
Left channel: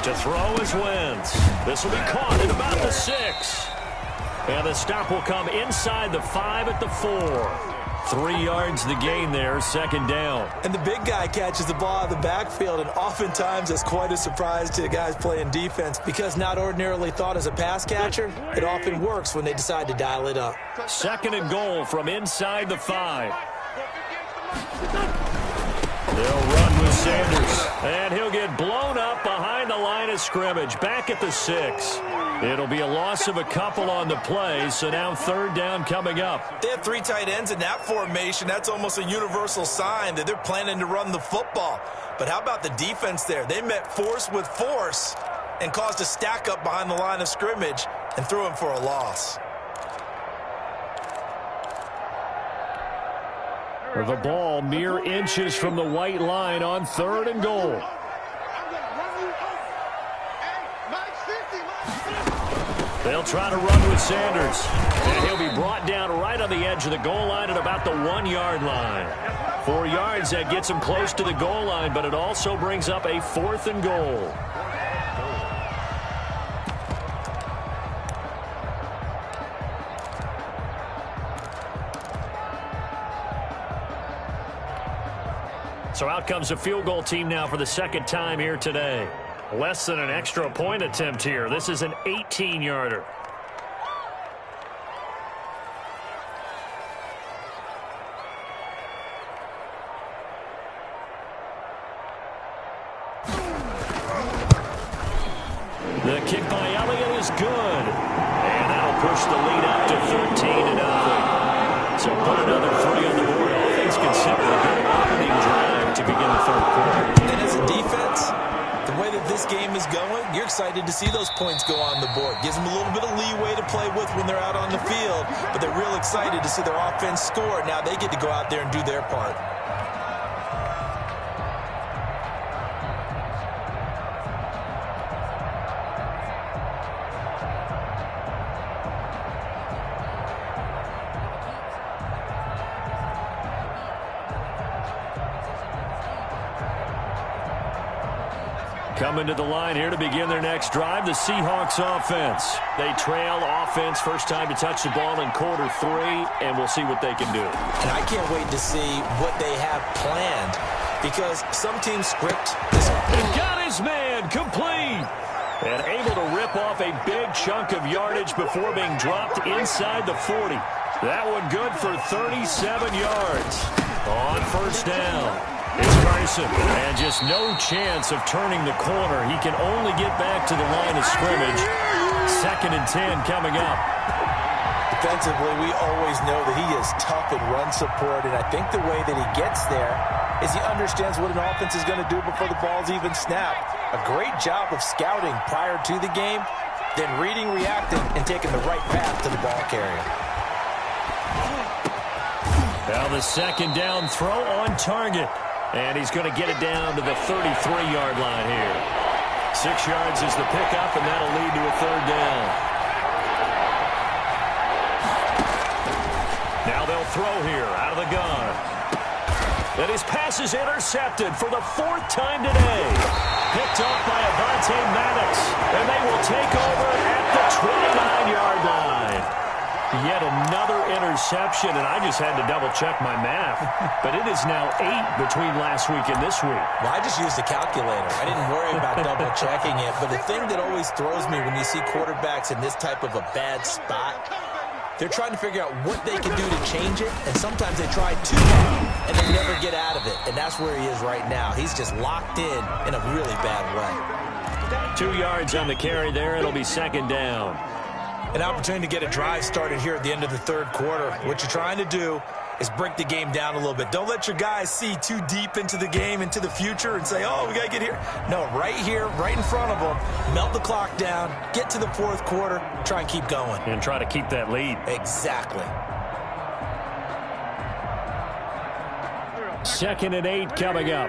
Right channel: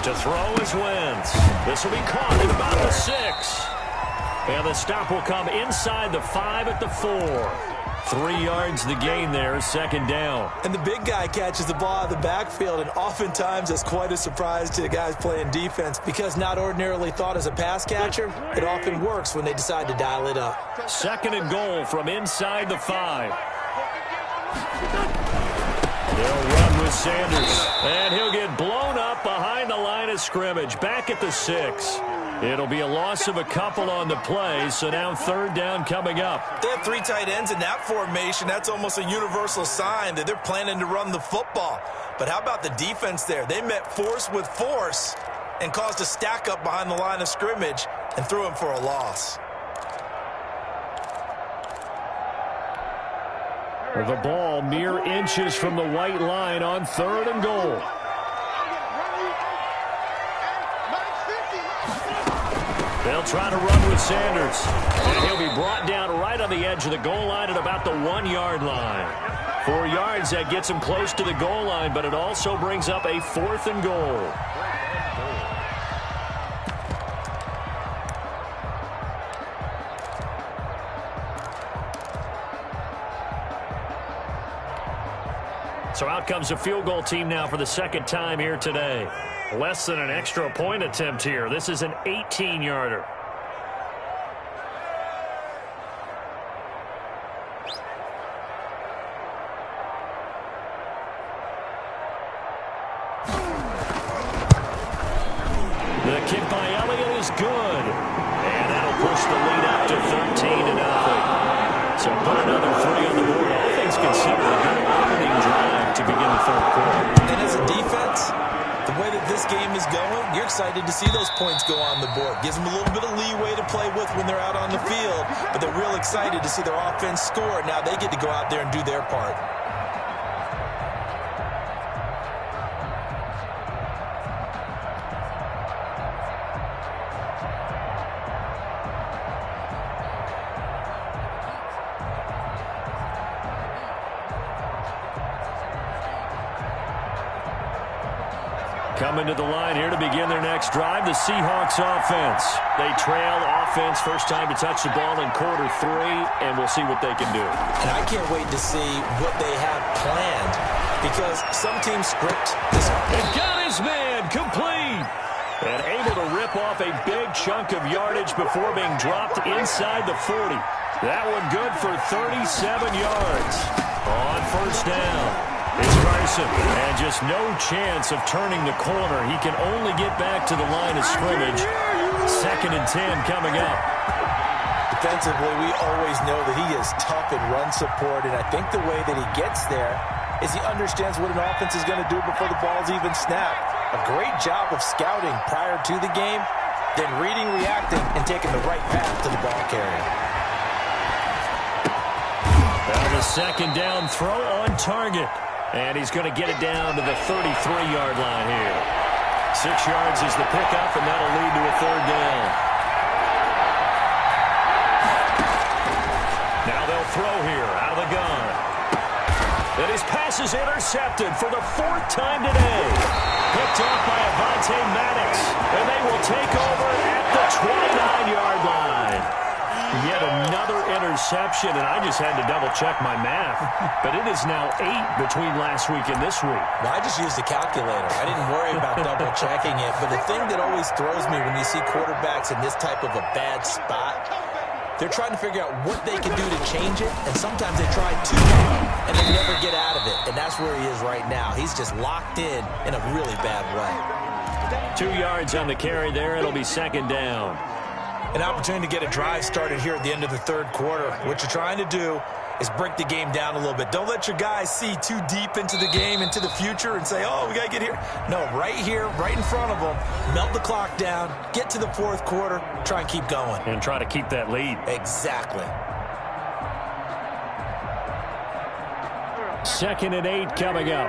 To throw is Wentz. This will be caught at about the 6. And the stop will come inside the 5 at the 4. 3 yards the gain there, 2nd down. And the big guy catches the ball out of the backfield, and oftentimes that's quite a surprise to the guys playing defense because not ordinarily thought as a pass catcher, it often works when they decide to dial it up. 2nd and goal from inside the 5. They'll run with Sanders, and he'll get blown up behind the line of scrimmage, back at the 6. It'll be a loss of a couple on the play, so now 3rd down coming up. They have 3 tight ends in that formation. That's almost a universal sign that they're planning to run the football. But how about the defense there? They met force with force and caused a stack up behind the line of scrimmage and threw him for a loss. The ball mere inches from the white line on 3rd and goal. They'll try to run with Sanders. And he'll be brought down right on the edge of the goal line at about the 1-yard line. 4 yards, that gets him close to the goal line, but it also brings up a 4th and goal. So out comes a field goal team now for the 2nd time here today. Less than an extra point attempt here. This is an 18-yarder. The kick by Elliott is good. And that'll push the lead up to 13-0. So put another 3 on the board. All things considered, a good opening drive to begin the 3rd quarter. And as a defense, the way that this game is going, you're excited to see those points go on the board. Gives them a little bit of leeway to play with when they're out on the field, but they're real excited to see their offense score. Now they get to go out there and do their part. Coming to the line here to begin their next drive, the Seahawks offense. They trail offense, first time to touch the ball in quarter 3, and we'll see what they can do. And I can't wait to see what they have planned because some teams script this. And got his man complete. And able to rip off a big chunk of yardage before being dropped inside the 40. That one good for 37 yards on 1st down. It's Carson, and just no chance of turning the corner. He can only get back to the line of scrimmage. 2nd and 10 coming up. Defensively, we always know that he is tough in run support, and I think the way that he gets there is he understands what an offense is going to do before the ball's even snapped. A great job of scouting prior to the game, then reading, reacting, and taking the right path to the ball carrier. Now the 2nd down throw on target. And he's going to get it down to the 33-yard line here. 6 yards is the pickup, and that'll lead to a 3rd down. Now they'll throw here out of the gun. And his pass is intercepted for the 4th time today. Picked off by Avonte Maddox. And they will take over at the 29-yard line. Yet another interception, and I just had to double-check my math. But it is now 8 between last week and this week. Well, I just used a calculator. I didn't worry about double-checking it. But the thing that always throws me when you see quarterbacks in this type of a bad spot, they're trying to figure out what they can do to change it, and sometimes they try too hard, and they never get out of it. And that's where he is right now. He's just locked in a really bad way. 2 yards on the carry there. It'll be 2nd down. An opportunity to get a drive started here at the end of the 3rd quarter. What you're trying to do is break the game down a little bit. Don't let your guys see too deep into the game, into the future, and say, oh, we got to get here. No, right here, right in front of them, melt the clock down, get to the 4th quarter, try and keep going. And try to keep that lead. Exactly. 2nd and 8 coming up.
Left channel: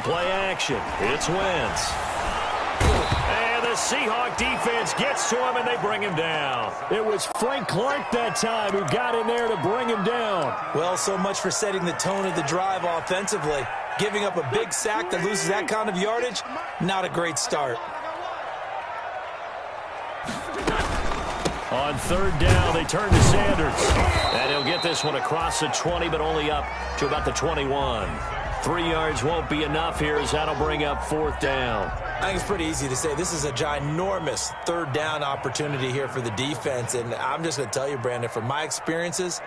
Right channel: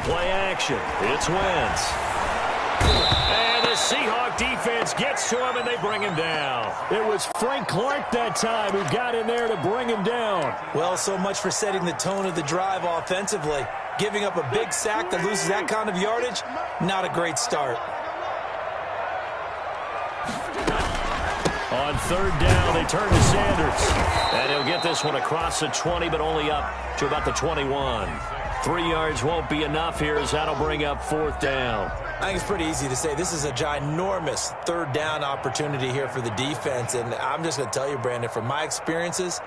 on play action. It's Wentz. And the Seahawk defense gets to him, and they bring him down. It was Frank Clark that time who got in there to bring him down. Well, so much for setting the tone of the drive offensively. Giving up a big sack that loses that kind of yardage, not a great start. On third down, they turn to Sanders. And he'll get this one across the 20, but only up to about the 21. 3 yards won't be enough here, as that'll bring up fourth down. I think it's pretty easy to say this is a ginormous third down opportunity here for the defense. And I'm just going to tell you, Brandon, from my experiences,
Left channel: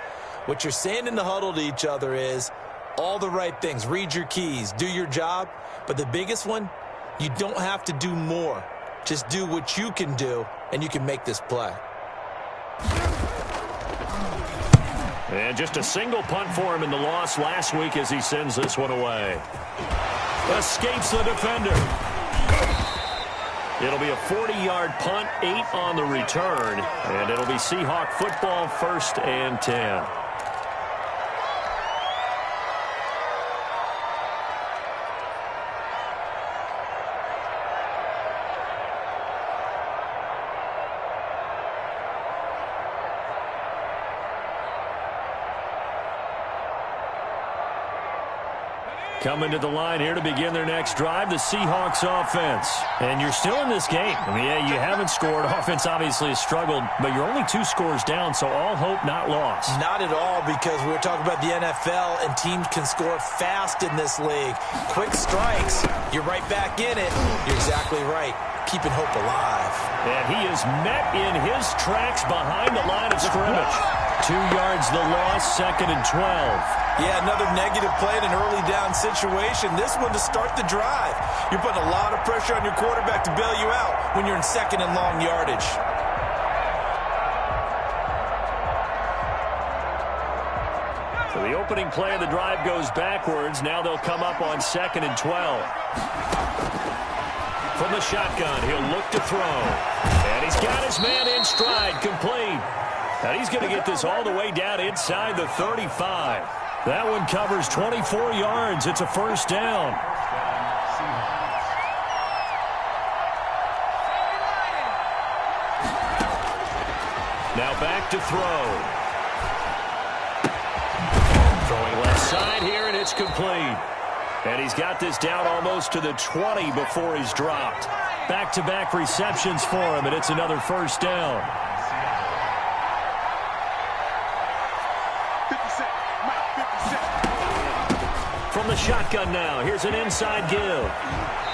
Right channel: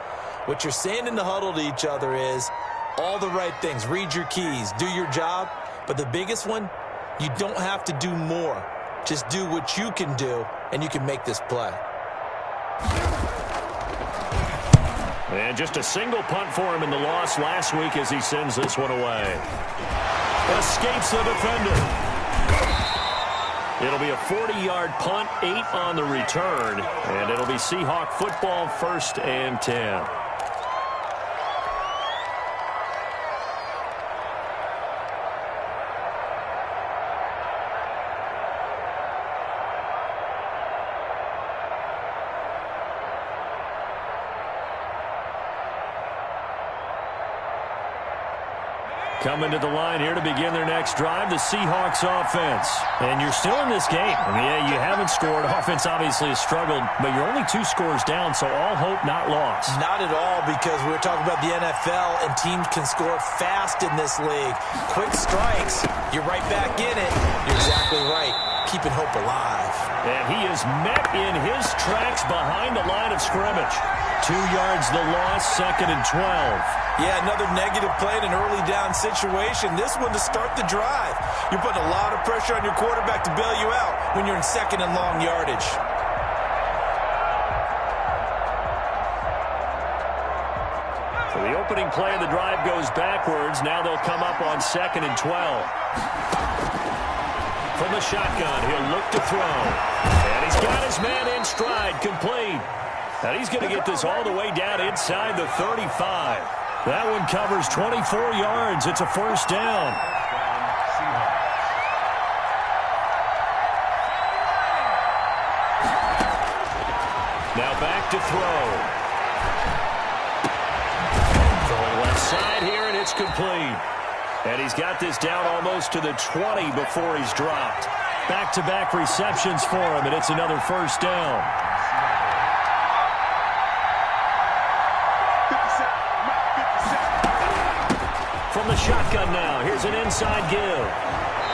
what you're saying in the huddle to each other is all the right things. Read your keys, do your job. But the biggest one, you don't have to do more. Just do what you can do, and you can make this play. And just a single punt for him in the loss last week as he sends this one away. Escapes the defender. It'll be a 40-yard punt, 8 on the return, and it'll be Seahawk football, 1st and 10. Coming to the line here to begin their next drive, the Seahawks offense. And you're still in this game. I mean, yeah, you haven't scored. Offense obviously has struggled, but you're only 2 scores down, so all hope not lost. Not at all, because we're talking about the NFL, and teams can score fast in this league. Quick strikes, you're right back in it. You're exactly right. Keeping hope alive. And he is met in his tracks behind the line of scrimmage. 2 yards the loss, 2nd and 12. Yeah, another negative play in an early down situation. This one to start the drive. You're putting a lot of pressure on your quarterback to bail you out when you're in 2nd and long yardage. So the opening play of the drive goes backwards. Now they'll come up on 2nd and 12. From the shotgun, he'll look to throw. And he's got his man in stride, complete. And he's going to get this all the way down inside the 35. That one covers 24 yards. It's a 1st down. Now back to throw. Throwing left side here, and it's complete. And he's got this down almost to the 20 before he's dropped. Back-to-back receptions for him, and it's another 1st down. From the shotgun now, here's an inside give.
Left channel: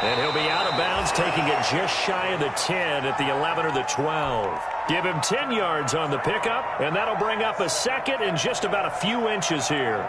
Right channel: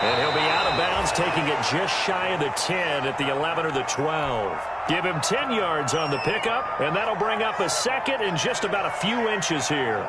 And he'll be out of bounds, taking it just shy of the 10 at the 11 or the 12. Give him 10 yards on the pickup, and that'll bring up a 2nd and just about a few inches here.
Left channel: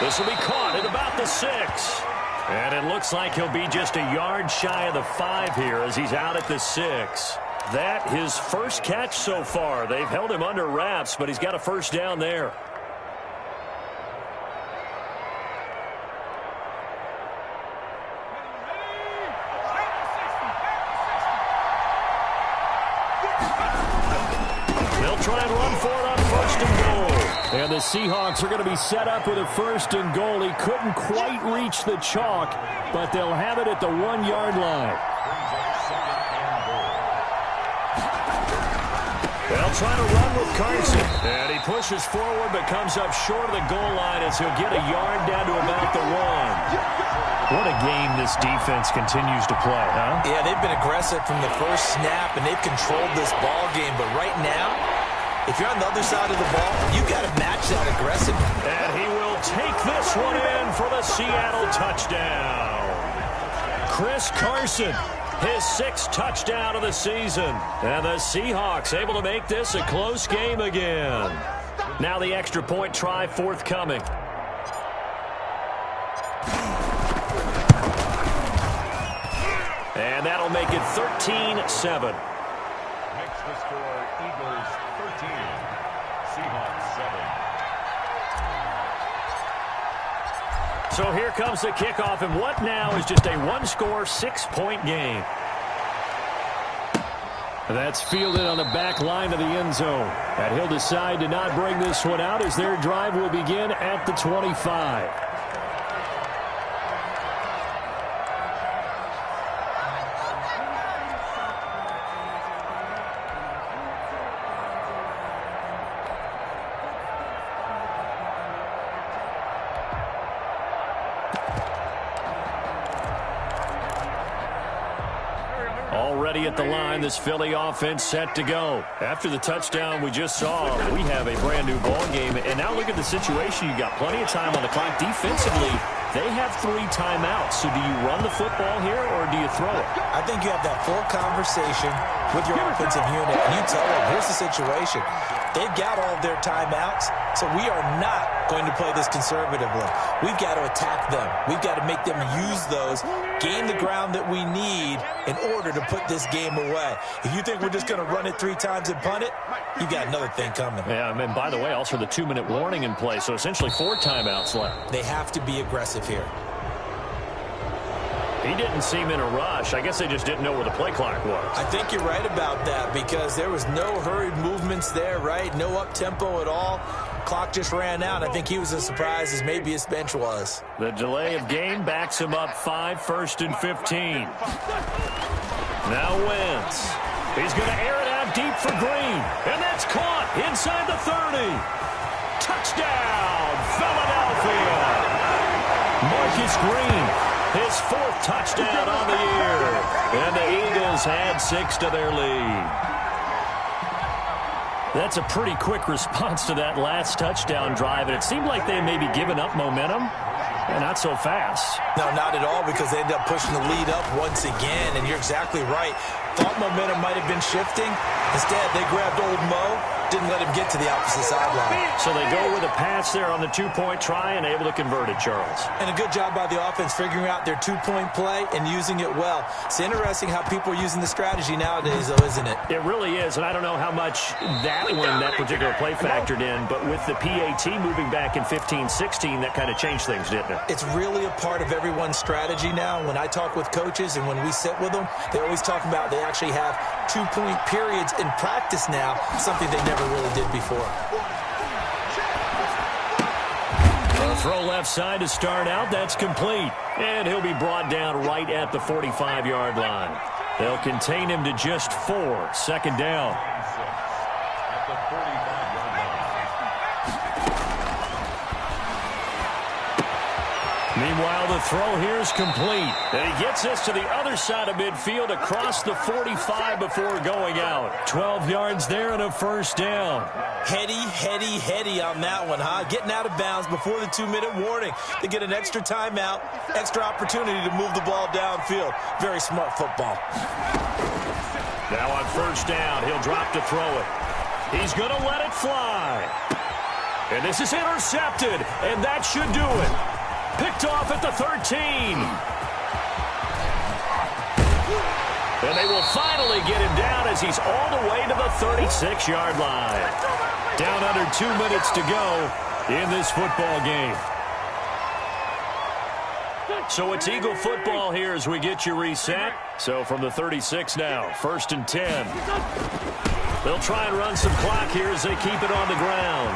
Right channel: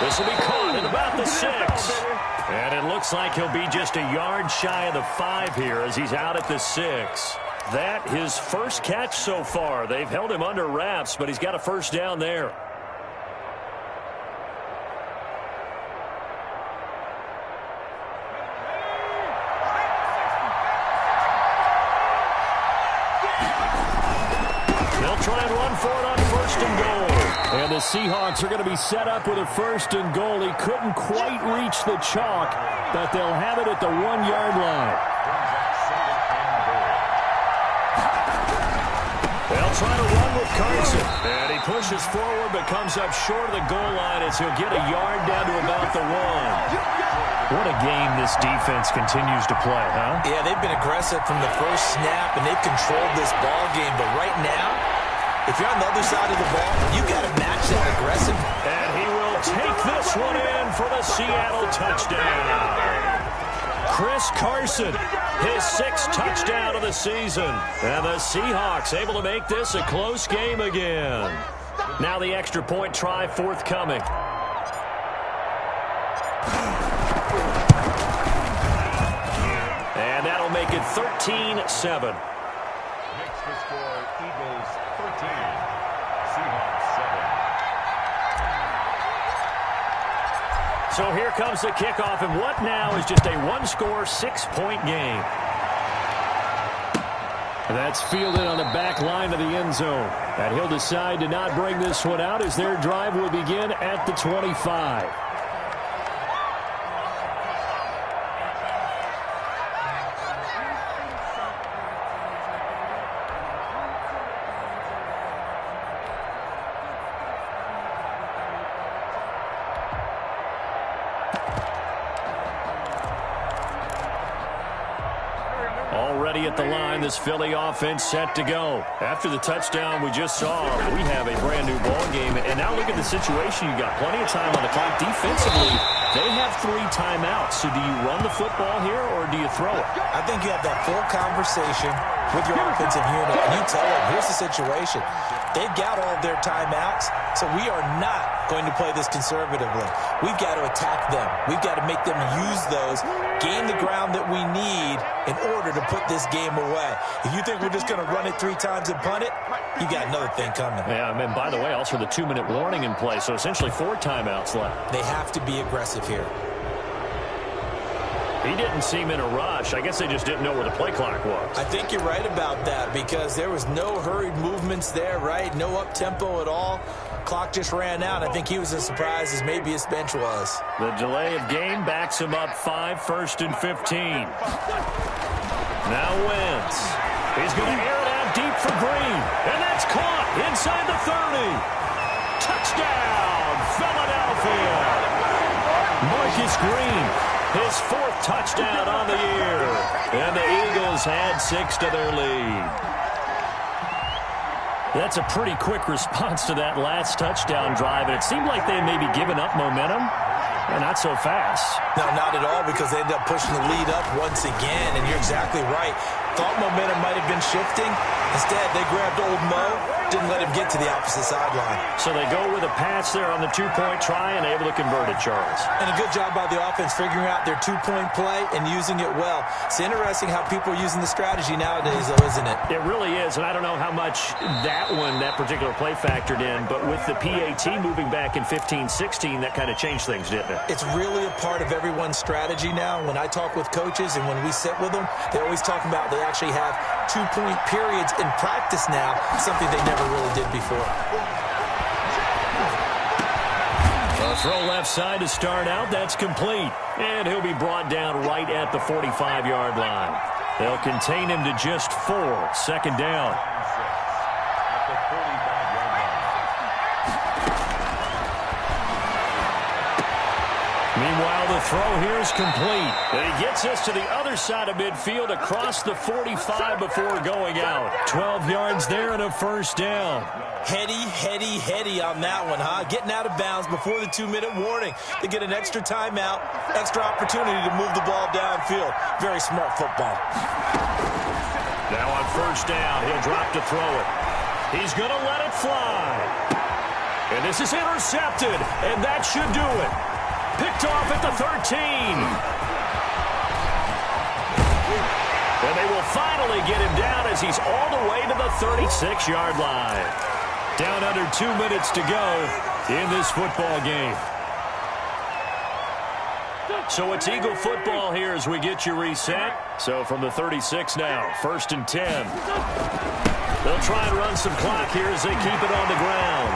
This will be caught at about the 6. And it looks like he'll be just a yard shy of the 5 here as he's out at the 6. That his first catch so far. They've held him under wraps, but he's got a 1st down there. They'll try and run for it on 1st and goal. And the Seahawks are going to be set up with a 1st and goal. He couldn't quite reach the chalk, but they'll have it at the 1-yard line. They'll try to run with Carson. And he pushes forward but comes up short of the goal line as he'll get a yard down to about the 1. What a game this defense continues to play, huh? Yeah, they've been aggressive from the first snap, and they've controlled this ball game. But right now, if you're on the other side of the ball, you got to match that aggressive. And he will take this one in for the Seattle touchdown. Chris Carson, his 6th touchdown of the season. And the Seahawks able to make this a close game again. Now the extra point try forthcoming. And that'll make it 13-7. Makes the score Eagles 13, Seahawks 7. So here comes the kickoff, and what now is just a one-score, 6-point game. That's fielded on the back line of the end zone. And he'll decide to not bring this one out as their drive will begin at the 25. Already at the line, this Philly offense set to go. After the touchdown we just saw, we have a brand new ball game. And now look at the situation. You got plenty of time on the clock. Defensively, they have 3 timeouts. So do you run the football here or do you throw it? I think you have that full conversation with your offensive unit, and you tell them, here's the situation. They've got all of their timeouts, so we are not going to play this conservatively. We've got to attack them. We've got to make them use those, gain the ground that we need in order to put this game away. If you think we're just going to run it 3 times and punt it, you got another thing coming. Yeah, and by the way, also the 2-minute warning in play, so essentially 4 timeouts left. They have to be aggressive here. He didn't seem in a rush. I guess they just didn't know where the play clock was. I think you're right about that because there was no hurried movements there, right? No up-tempo at all. Clock just ran out. I think he was as surprised as maybe his bench was. The delay of game backs him up 5, 1st and 15. Now Wentz. He's going to air it out deep for Green. And that's caught inside the 30. Touchdown, Philadelphia. Marcus Green. His 4th touchdown on the year. And the Eagles add 6 to their lead. That's a pretty quick response to that last touchdown drive. And it seemed like they may be giving up momentum. Not so fast. No, not at all, because they ended up pushing the lead up once again. And you're exactly right. Thought momentum might have been shifting. Instead, they grabbed old Mo. Didn't let him get to the opposite sideline. So they go with a pass there on the 2-point try and able to convert it, Charles. And a good job by the offense figuring out their 2-point play and using it well. It's interesting how people are using the strategy nowadays, though, isn't it? It really is, and I don't know how much that particular play factored in, but with the PAT moving back in 15-16, that kind of changed things, didn't it? It's really a part of everyone's strategy now. When I talk with coaches and when we sit with them, they always talk about they actually have 2-point periods in practice now, something they never really did before. A throw left side to start out. That's complete. And he'll be brought down right at the 45-yard line. They'll contain him to just 4. 2nd down. At the 45-yard line. Meanwhile, the throw here is complete. And he gets us to the other side of midfield across the 45 before going out. 12 yards there and a 1st down. Heady on that one, huh? Getting out of bounds before the 2-minute warning. They get an extra timeout, extra opportunity to move the ball downfield. Very smart football. Now on 1st down, he'll drop to throw it. He's going to let it fly. And this is intercepted, and that should do it. Picked off at the 13. And they will finally get him down as he's all the way to the 36-yard line. Down under 2 minutes to go in this football game. So it's Eagle football here as we get you reset. So from the 36 now, 1st and 10. They'll try and run some clock here as they keep it on the ground.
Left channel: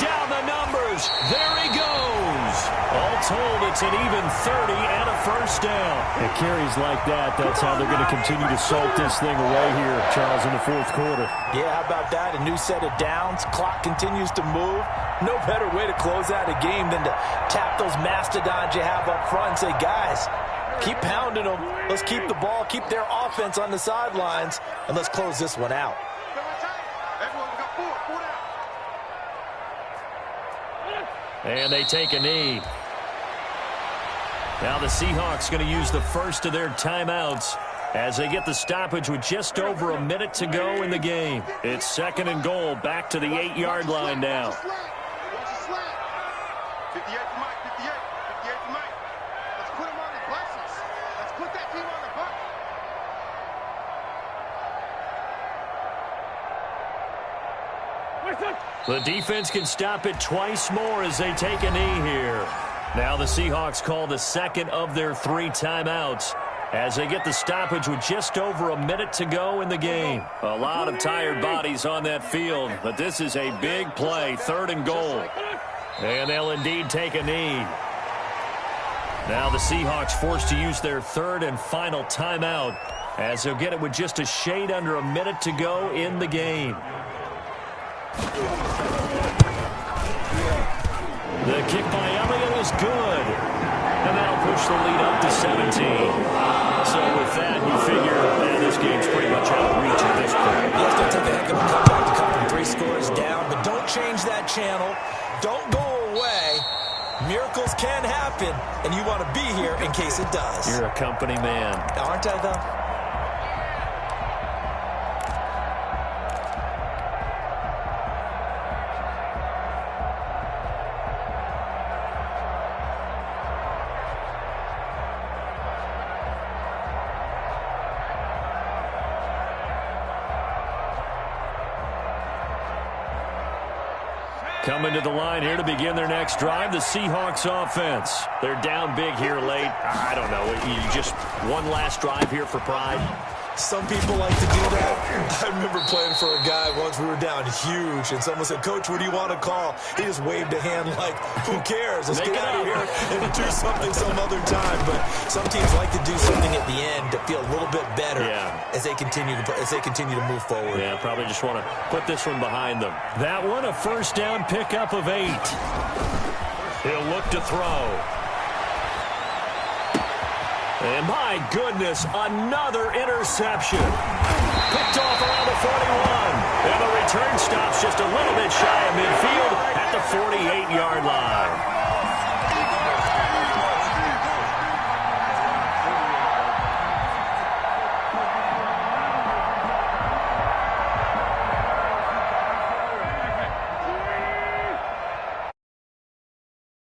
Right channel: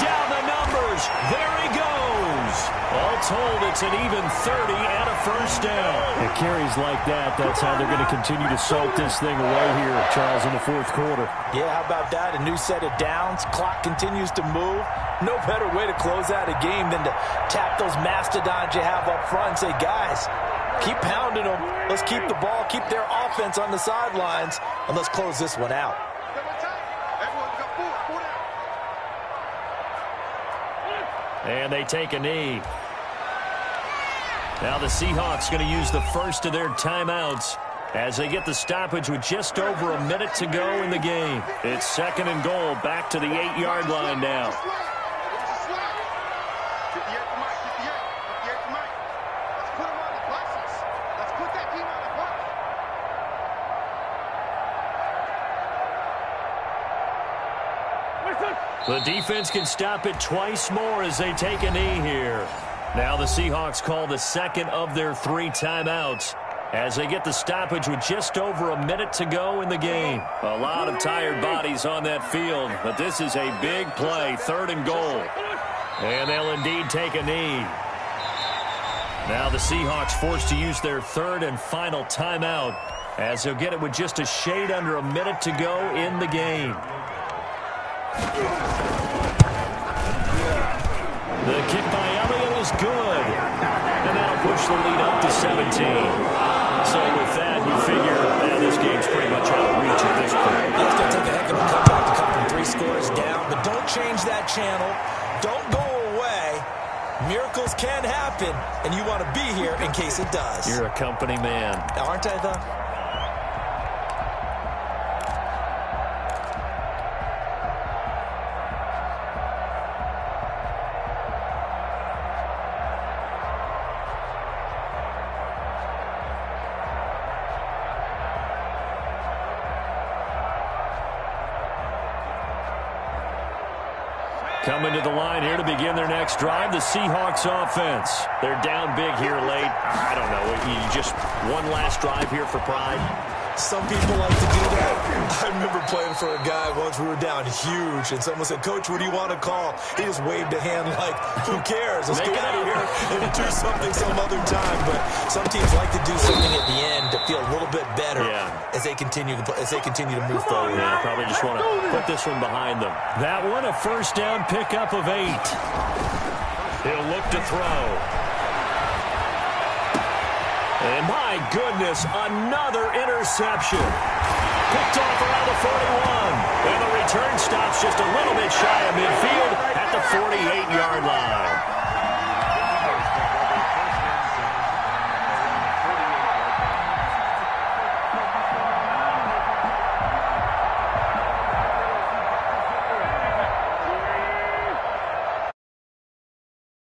Down the numbers. There he goes. All told, it's an even 30 and a 1st down. And carries like that, that's how they're going to continue to salt this thing away here, Charles, in the 4th quarter. Yeah, how about that? A new set of downs. Clock continues to move. No better way to close out a game than to tap those mastodons you have up front and say, guys, keep pounding them. Let's keep the ball, keep their offense on the sidelines, and let's close this one out. And they take a knee. Now the Seahawks going to use the first of their timeouts as they get the stoppage with just over a minute to go in the game. It's 2nd and goal, back to the 8-yard line now. 58 for Mike, 58 for Mike. Let's put him on his buses. Let's put that team on the bus. The defense can stop it twice more as they take a knee here. Now the Seahawks call the second of their 3 timeouts as they get the stoppage with just over a minute to go in the game. A lot of tired bodies on that field, but this is a big play, 3rd and goal. And they'll indeed take a knee. Now the Seahawks forced to use their 3rd and final timeout as they'll get it with just a shade under a minute to go in the game. The kick by Elliott is good. And that'll push the lead up to 17. So with that, you figure this game's pretty much out of reach at this point. It's going to take a heck of a comeback to come from 3 scores down, but don't change that channel. Don't go away. Miracles can happen, and you want to be here in case it does. You're a company man. Aren't I, though? Coming to the line here to begin their next drive, the Seahawks offense. They're down big here late. I don't know. You just one last drive here for pride? Some people like to do that. I remember playing for a guy once. We were down huge, and someone said, "Coach, what do you want to call?" He just waved a hand like, "Who cares? Let's get out of here and do something some other time." But some teams like to do something at the end to feel a little bit better as they continue to move forward. Yeah, probably just want to put this one behind them. That one, a first down pickup of 8. He'll look to throw. And my goodness, another interception. Picked off around the 41. And the return stops just a little bit shy of midfield at the 48-yard line.